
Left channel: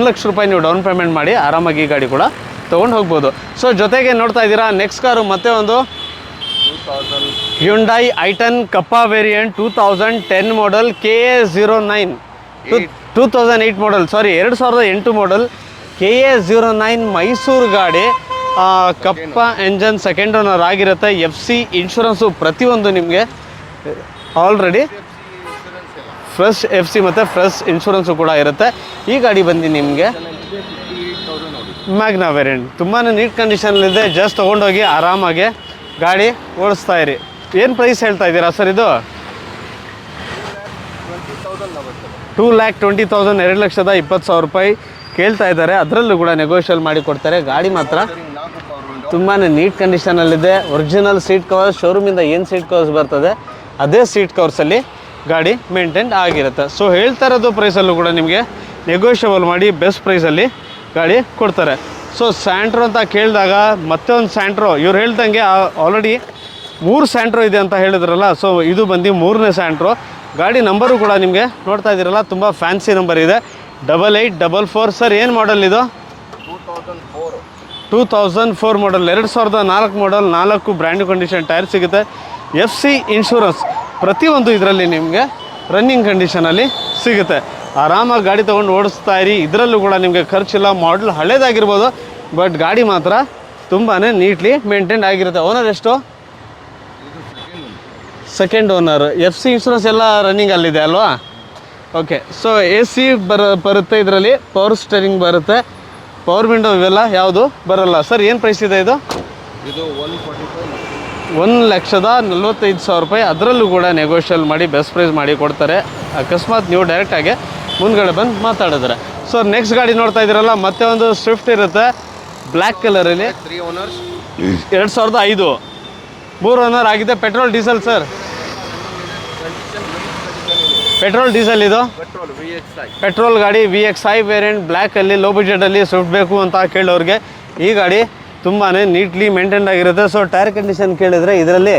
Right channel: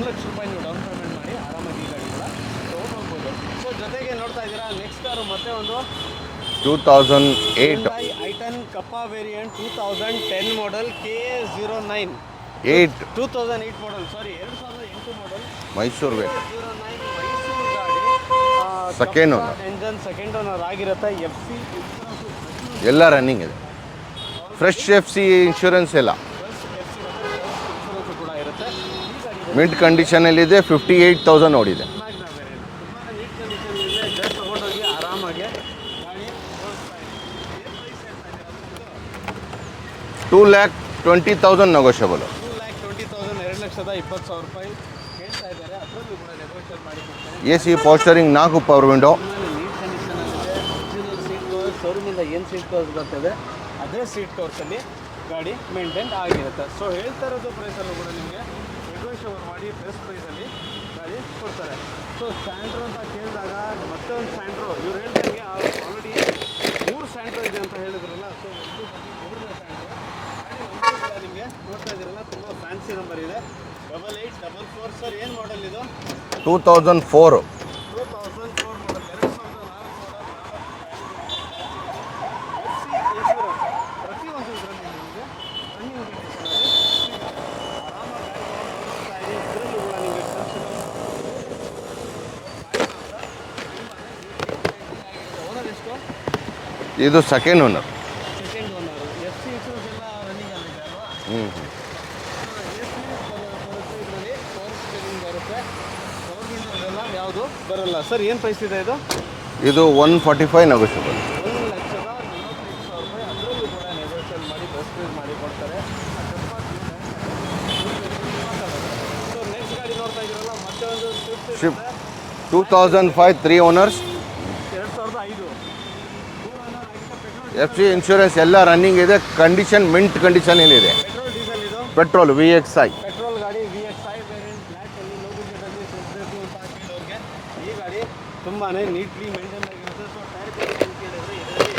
ಲಕ್ಷ ರೂಪಾಯಿ ನೀವು ಡೌನ್ ಪೇಮೆಂಟ್ ಮಾಡಿ ಆರಾಮಾಗಿ ಈ ಗಾಡಿ ಕೂಡ ತೊಗೊಂಡು ಹೋಗ್ಬೋದು. ಸೊ ಜೊತೆಗೆ ನೋಡ್ತಾ ಇದ್ದೀರಾ ನೆಕ್ಸ್ಟ್ ಕಾರು ಮತ್ತೆ ಒಂದು 2008 ಹ್ಯುಂಡೈ ಐಟನ್ ಕಪ್ಪಾ ವೇರಿಯಂಟ್ 2010 ಮಾಡಲ್ KA09 2008 ಮಾಡಲ್, ಸಾರಿ 2008 ಮಾಡಲ್ KA09 ಮೈಸೂರು ಗಾಡಿ. ಕಪ್ಪಾ ಎಂಜನ್, ಸೆಕೆಂಡ್ ಓನರ್ ಆಗಿರುತ್ತೆ. FC ಇನ್ಶೂರೆನ್ಸು ಪ್ರತಿಯೊಂದು ನಿಮಗೆ ಆಲ್ರೆಡಿ FC ಇನ್ಶೂರೆನ್ಸ್ ಎಲ್ಲ ಫ್ರೆಶ್ FC ಮತ್ತು ಫ್ರೆಶ್ ಇನ್ಶೂರೆನ್ಸು ಕೂಡ ಇರುತ್ತೆ. ಈ ಗಾಡಿ ಬಂದು ನಿಮಗೆ ಕಂಡೀಷನಲ್ಲಿದೆ. 58,000 ನೋಡಿದೆ. ಮ್ಯಾಗ್ನಾ ವೇರಿಯಂಟ್ ತುಂಬಾ ನೀಟ್ ಕಂಡೀಷನಲ್ಲಿದೆ. ಜಸ್ಟ್ ತೊಗೊಂಡೋಗಿ ಆರಾಮಾಗಿ ಗಾಡಿ ಓಡಿಸ್ತಾ ಇರಿ. ಏನು ಪ್ರೈಸ್ ಹೇಳ್ತಾ ಇದ್ದೀರಾ ಸರ್ ಇದು? 2,20,000 ನೆಗೋಷಿಯಬಲ್. 2,20,000 2,20,000 ರೂಪಾಯಿ ಕೇಳ್ತಾ ಇದ್ದಾರೆ. ಅದರಲ್ಲೂ ಕೂಡ ನೆಗೋಷಿಯಲ್ ಮಾಡಿ ಕೊಡ್ತಾರೆ. ಗಾಡಿ ಮಾತ್ರ 4 ಪವರ್ ವಿಂಡೋ, ತುಂಬಾ ನೀಟ್ ಕಂಡೀಷನಲ್ಲಿದೆ. ಒರಿಜಿನಲ್ ಸೀಟ್ ಕವರ್ಸ್, ಶೋರೂಮಿಂದ ಏನು ಸೀಟ್ ಕವರ್ಸ್ ಬರ್ತದೆ ಅದೇ ಸೀಟ್ ಕವರ್ಸಲ್ಲಿ ಗಾಡಿ ಮೇಂಟೈನ್ ಆಗಿರುತ್ತೆ. ಸೊ ಹೇಳ್ತಾ ಇರೋದು ಪ್ರೈಸಲ್ಲೂ ಕೂಡ ನಿಮಗೆ ನೆಗೋಷಿಯಬಲ್ ಮಾಡಿ ಬೆಸ್ಟ್ ಪ್ರೈಸಲ್ಲಿ ಗಾಡಿ ಕೊಡ್ತಾರೆ. ಸೊ ಸ್ಯಾಂಟ್ರೋ ಅಂತ ಕೇಳಿದಾಗ ಮತ್ತೆ ಒಂದು ಸ್ಯಾಂಟ್ರೋ, ಇವ್ರು ಹೇಳ್ದಂಗೆ ಆಲ್ರೆಡಿ 3 ಸ್ಯಾಂಟ್ರೋ ಇದೆ ಅಂತ ಹೇಳಿದ್ರಲ್ಲ. ಸೊ ಇದು ಬಂದು 3ನೇ ಸ್ಯಾಂಟ್ರೋ. ಗಾಡಿ ನಂಬರು ಕೂಡ ನಿಮಗೆ ನೋಡ್ತಾ ಇದ್ದೀರಲ್ಲ, ತುಂಬ ಫ್ಯಾನ್ಸಿ ನಂಬರ್ ಇದೆ, 8844. ಸರ್ ಏನು ಮಾಡಲ್ ಇದು? 2004 ಮಾಡಲ್, 2004 ಮಾಡಲ್, 4 ಬ್ರ್ಯಾಂಡ್ ಕಂಡೀಷನ್ ಟೈರ್ ಸಿಗುತ್ತೆ. FC ಇನ್ಶೂರೆನ್ಸ್ ಪ್ರತಿಯೊಂದು ಇದರಲ್ಲಿ ನಿಮಗೆ ರನ್ನಿಂಗ್ ಕಂಡೀಷನಲ್ಲಿ ಸಿಗುತ್ತೆ. ಆರಾಮಾಗಿ ಗಾಡಿ ತೊಗೊಂಡು ಓಡಿಸ್ತಾ ಇರಿ. ಇದರಲ್ಲೂ ಕೂಡ ನಿಮಗೆ ಖರ್ಚಿಲ್ಲ. ಮಾಡಲ್ ಹಳೇದಾಗಿರ್ಬೋದು, ಬಟ್ ಗಾಡಿ ಮಾತ್ರ ತುಂಬಾ ನೀಟ್ಲಿ ಮೇಂಟೈನ್ ಆಗಿರುತ್ತೆ. ಓನರ್ ಎಷ್ಟು? ಇದು ಸೆಕೆಂಡ್ ಓನರ್. FC ಇನ್ಶೂರೆನ್ಸ್ ಎಲ್ಲ ರನ್ನಿಂಗಲ್ಲಿದೆ ಅಲ್ವಾ? ಓಕೆ. ಸೊ AC ಬರುತ್ತೆ, ಇದರಲ್ಲಿ ಪವರ್ ಸ್ಟೇರಿಂಗ್ ಬರುತ್ತೆ, ಪವರ್ ವಿಂಡೋ ಇವೆಲ್ಲ ಯಾವುದು ಬರಲ್ಲ. ಸರ್ ಏನು ಪ್ರೈಸ್ ಇದೆ ಇದು? ಇದು 145 ನೆಗೋಷಿಯಬಲ್. 1,45,000 ರೂಪಾಯಿ. ಅದರಲ್ಲೂ ಕೂಡ ನೆಗೋಷಿಯಲ್ ಮಾಡಿ ಬೆಸ್ಟ್ ಪ್ರೈಸ್ ಮಾಡಿ ಕೊಡ್ತಾರೆ. ಅಕಸ್ಮಾತ್ ನೀವು ಡೈರೆಕ್ಟಾಗಿ ಮುಂದ್ಗಡೆ ಬಂದು ಮಾತಾಡಿದ್ರೆ. ಸೊ ನೆಕ್ಸ್ಟ್ ಗಾಡಿ ನೋಡ್ತಾ ಇದ್ದೀರಲ್ಲ, ಮತ್ತೆ ಒಂದು ಸ್ವಿಫ್ಟ್ ಇರುತ್ತೆ ಬ್ಲ್ಯಾಕ್ ಕಲರಲ್ಲಿ. 3 ಓನರ್ಸ್, 2005 3 ಓನರ್ ಆಗಿದೆ. Petrol diesel sir? ಇನ್ಶೂರೆನ್ಸ್ ಎಲ್ಲ ರನ್ನಿಂಗ್ ಇದೆ. ಕಂಡೀಷನ್ ಮಿಂಟ್ ಕಂಡೀಷನ್ ಇದೆ. ಪೆಟ್ರೋಲ್ ಡೀಸೆಲ್ ಇದು? Petrol VXI. ಪೆಟ್ರೋಲ್ ಗಾಡಿ VXI ವೇರಿಯಂಟ್ ಬ್ಲ್ಯಾಕಲ್ಲಿ ಲೋ ಬಜೆಟಲ್ಲಿ ಸ್ವಿಫ್ಟ್ ಬೇಕು ಅಂತ ಕೇಳೋರಿಗೆ ಈ ಗಾಡಿ ತುಂಬಾ ನೀಟ್ಲಿ ಮೇಂಟೈನ್ ಆಗಿರುತ್ತೆ. ಸೊ ಟೈರ್ ಕಂಡೀಷನ್ ಕೇಳಿದರೆ ಇದರಲ್ಲಿ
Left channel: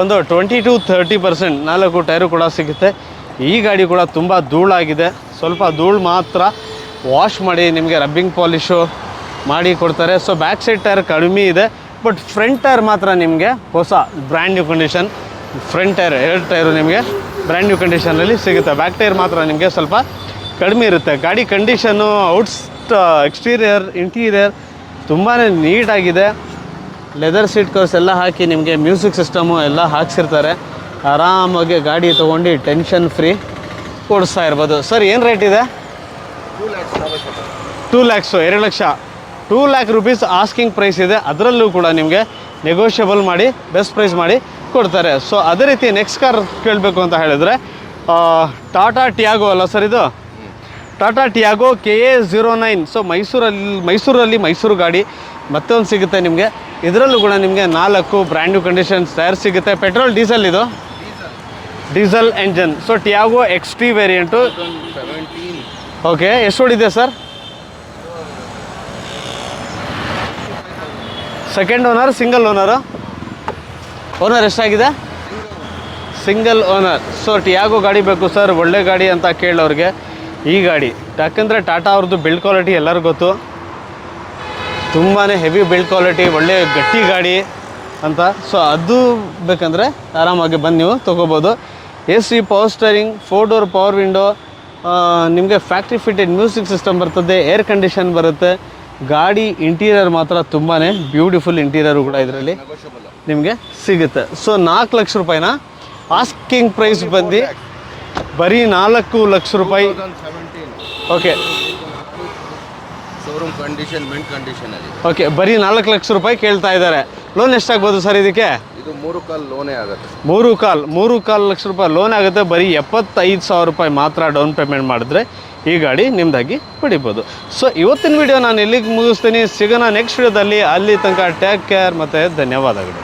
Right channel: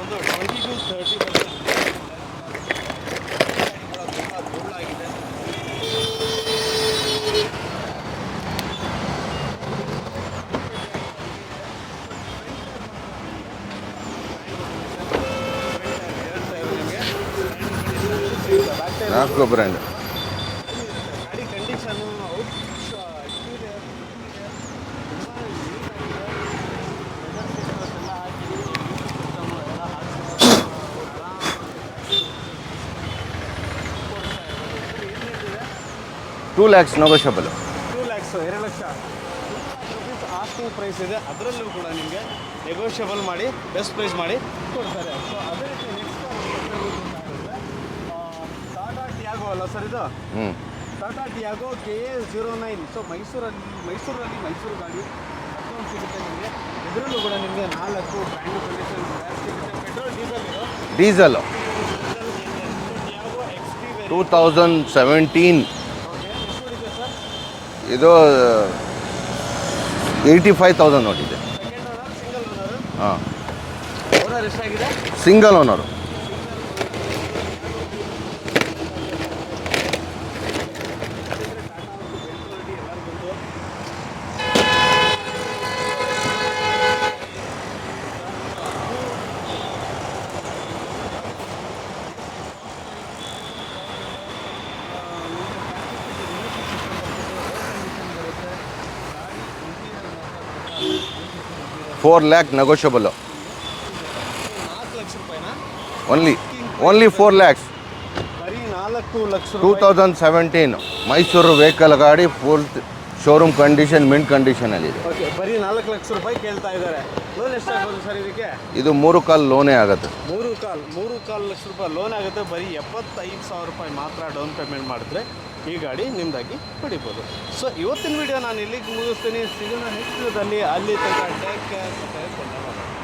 ಒಂದು 20-30% 4 ಟೈರು ಕೂಡ ಸಿಗುತ್ತೆ. ಈ ಗಾಡಿ ಕೂಡ ತುಂಬ ಧೂಳಾಗಿದೆ. ಸ್ವಲ್ಪ ಧೂಳು ಮಾತ್ರ ವಾಶ್ ಮಾಡಿ ನಿಮಗೆ ರಬ್ಬಿಂಗ್ ಪಾಲಿಶು ಮಾಡಿ ಕೊಡ್ತಾರೆ. ಸೊ ಬ್ಯಾಕ್ ಸೈಡ್ ಟೈರ್ ಕಡಿಮೆ ಇದೆ, ಬಟ್ ಫ್ರಂಟ್ ಟೈರ್ ಮಾತ್ರ ನಿಮಗೆ ಹೊಸ brand new condition. Front tyre 2 tyre ನಿಮಗೆ ಬ್ರ್ಯಾಂಡ್ ನ್ಯೂ ಕಂಡೀಷನಲ್ಲಿ ಸಿಗುತ್ತೆ. ಬ್ಯಾಕ್ ಟೈರ್ ಮಾತ್ರ ನಿಮಗೆ ಸ್ವಲ್ಪ ಕಡಿಮೆ ಇರುತ್ತೆ. ಗಾಡಿ ಕಂಡೀಷನ್ನು, ಎಕ್ಸ್ಟೀರಿಯರ್, ಇಂಟೀರಿಯರ್ ತುಂಬಾ ನೀಟಾಗಿದೆ. ಲೆದರ್ ಸೀಟ್ ಕವರ್ಸ್ ಎಲ್ಲ ಹಾಕಿ ನಿಮಗೆ ಮ್ಯೂಸಿಕ್ ಸಿಸ್ಟಮು ಎಲ್ಲ ಹಾಕ್ಸಿರ್ತಾರೆ. ಆರಾಮಾಗಿ ಗಾಡಿ ತೊಗೊಂಡು ಟೆನ್ಷನ್ ಫ್ರೀ ಓಡಿಸ್ತಾ ಇರ್ಬೋದು. ಸರ್ ಏನು ರೇಟ್ ಇದೆ? 2 lakhs negotiable. 2 lakhs, 2 lakh, 2 lakh rupees asking price ಇದೆ. ಅದರಲ್ಲೂ ಕೂಡ ನಿಮಗೆ ನೆಗೋಷಿಯಬಲ್ ಮಾಡಿ ಬೆಸ್ಟ್ ಪ್ರೈಸ್ ಮಾಡಿ ಕೊಡ್ತಾರೆ. ಸೊ ಅದೇ ರೀತಿ ನೆಕ್ಸ್ಟ್ ಕಾರ್ ಕೇಳಬೇಕು ಅಂತ ಹೇಳಿದ್ರೆ ಟಾಟಾ ಟಿಯಾಗೋ ಅಲ್ಲ ಸರ್ ಇದು? Tata Tiago KA09. ಸೊ ಮೈಸೂರಲ್ಲಿ ಮೈಸೂರು ಗಾಡಿ ಮತ್ತೆ ಒಂದು ಸಿಗುತ್ತೆ ನಿಮಗೆ. ಇದರಲ್ಲೂ ಕೂಡ ನಿಮಗೆ 4 ಬ್ರ್ಯಾಂಡ್ ನ್ಯೂ ಕಂಡೀಷನ್ಸ್ ಟೈರ್ ಸಿಗುತ್ತೆ. ಪೆಟ್ರೋಲ್ ಡೀಸೆಲ್ ಇದು? Diesel engine. So Tiago XT variant 2017. Okay. ಎಷ್ಟು ಓಡಿದೆ ಸರ್ ಇದು? 85,000 ನೋಡಿ. Second owner, single owner? Owner ಎಷ್ಟಾಗಿದೆ? Single owner. ಸೊ ಟಿಯಾಗೋ ಗಾಡಿ ಬೇಕು ಸರ್, ಒಳ್ಳೆ ಗಾಡಿ ಅಂತ ಕೇಳೋರಿಗೆ ಈ ಗಾಡಿ. ಯಾಕಂದರೆ ಟಾಟಾ ಅವ್ರದ್ದು ಬಿಲ್ಡ್ ಕ್ವಾಲಿಟಿ ಎಲ್ಲರಿಗೂ ಗೊತ್ತು, ತುಂಬಾ ಹೆವಿ ಬಿಲ್ಡ್ ಕ್ವಾಲಿಟಿ, ಒಳ್ಳೆ ಗಟ್ಟಿ ಗಾಡಿ ಅಂತ. ಸೊ ಅದು ಬೇಕಂದರೆ ಆರಾಮಾಗಿ ಬಂದು ನೀವು ತೊಗೋಬೋದು. AC, power steering, 4 door power window, ನಿಮಗೆ ಫ್ಯಾಕ್ಟ್ರಿ ಫಿಟೆಡ್ ಮ್ಯೂಸಿಕ್ ಸಿಸ್ಟಮ್ ಬರ್ತದೆ, ಏರ್ ಕಂಡೀಷನ್ ಬರುತ್ತೆ. ಗಾಡಿ ಇಂಟೀರಿಯರ್ ಮಾತ್ರ ತುಂಬಾ ಬ್ಯೂಟಿಫುಲ್ ಇಂಟೀರಿಯರ್ ನೆಗೋಷಿಯಬಲ್ ನಿಮಗೆ ಸಿಗುತ್ತೆ. ಸೊ 4 ಲಕ್ಷ ರೂಪಾಯಿನ ಆಸ್ಕಿಂಗ್ ಪ್ರೈಸ್ ಬರೀ 4 ಲಕ್ಷ ರೂಪಾಯಿ 2017 ಮೈಸೂರು ವೆಹಿಕಲ್ ಗಾಡಿ full showroom condition mint condition ಅಲ್ಲಿ. ಓಕೆ, ಬರೀ 4 ಲಕ್ಷ ರೂಪಾಯಿ ಕೇಳ್ತಾ ಇದ್ದಾರೆ. ಲೋನ್ ಎಷ್ಟಾಗ್ಬೋದು ಸರ್ ಇದಕ್ಕೆ? ಇದು 3 ಕಾಲ್ ಲೋನೇ ಆಗುತ್ತೆ. 3.25 ಲಕ್ಷ ರೂಪಾಯಿ ಲೋನ್ ಆಗುತ್ತೆ. ಬರೀ 75,000 ರೂಪಾಯಿ ಮಾತ್ರ ಡೌನ್ ಪೇಮೆಂಟ್ ಮಾಡಿದ್ರೆ ಈ ಗಾಡಿ ನಿಮ್ದಾಗಿ ಪಡಿಬೋದು. ಸೊ ಇವತ್ತಿನ ವಿಡಿಯೋ ನಾನು ಎಲ್ಲಿಗೆ ಮುಗಿಸ್ತೀನಿ, ಸಿಗೋಣ ನೆಕ್ಸ್ಟ್ ವಿಡಿಯೋದಲ್ಲಿ. ಅಲ್ಲಿ ತನಕ ಟೇಕ್ ಕೇರ್ ಮತ್ತು ಧನ್ಯವಾದಗಳು.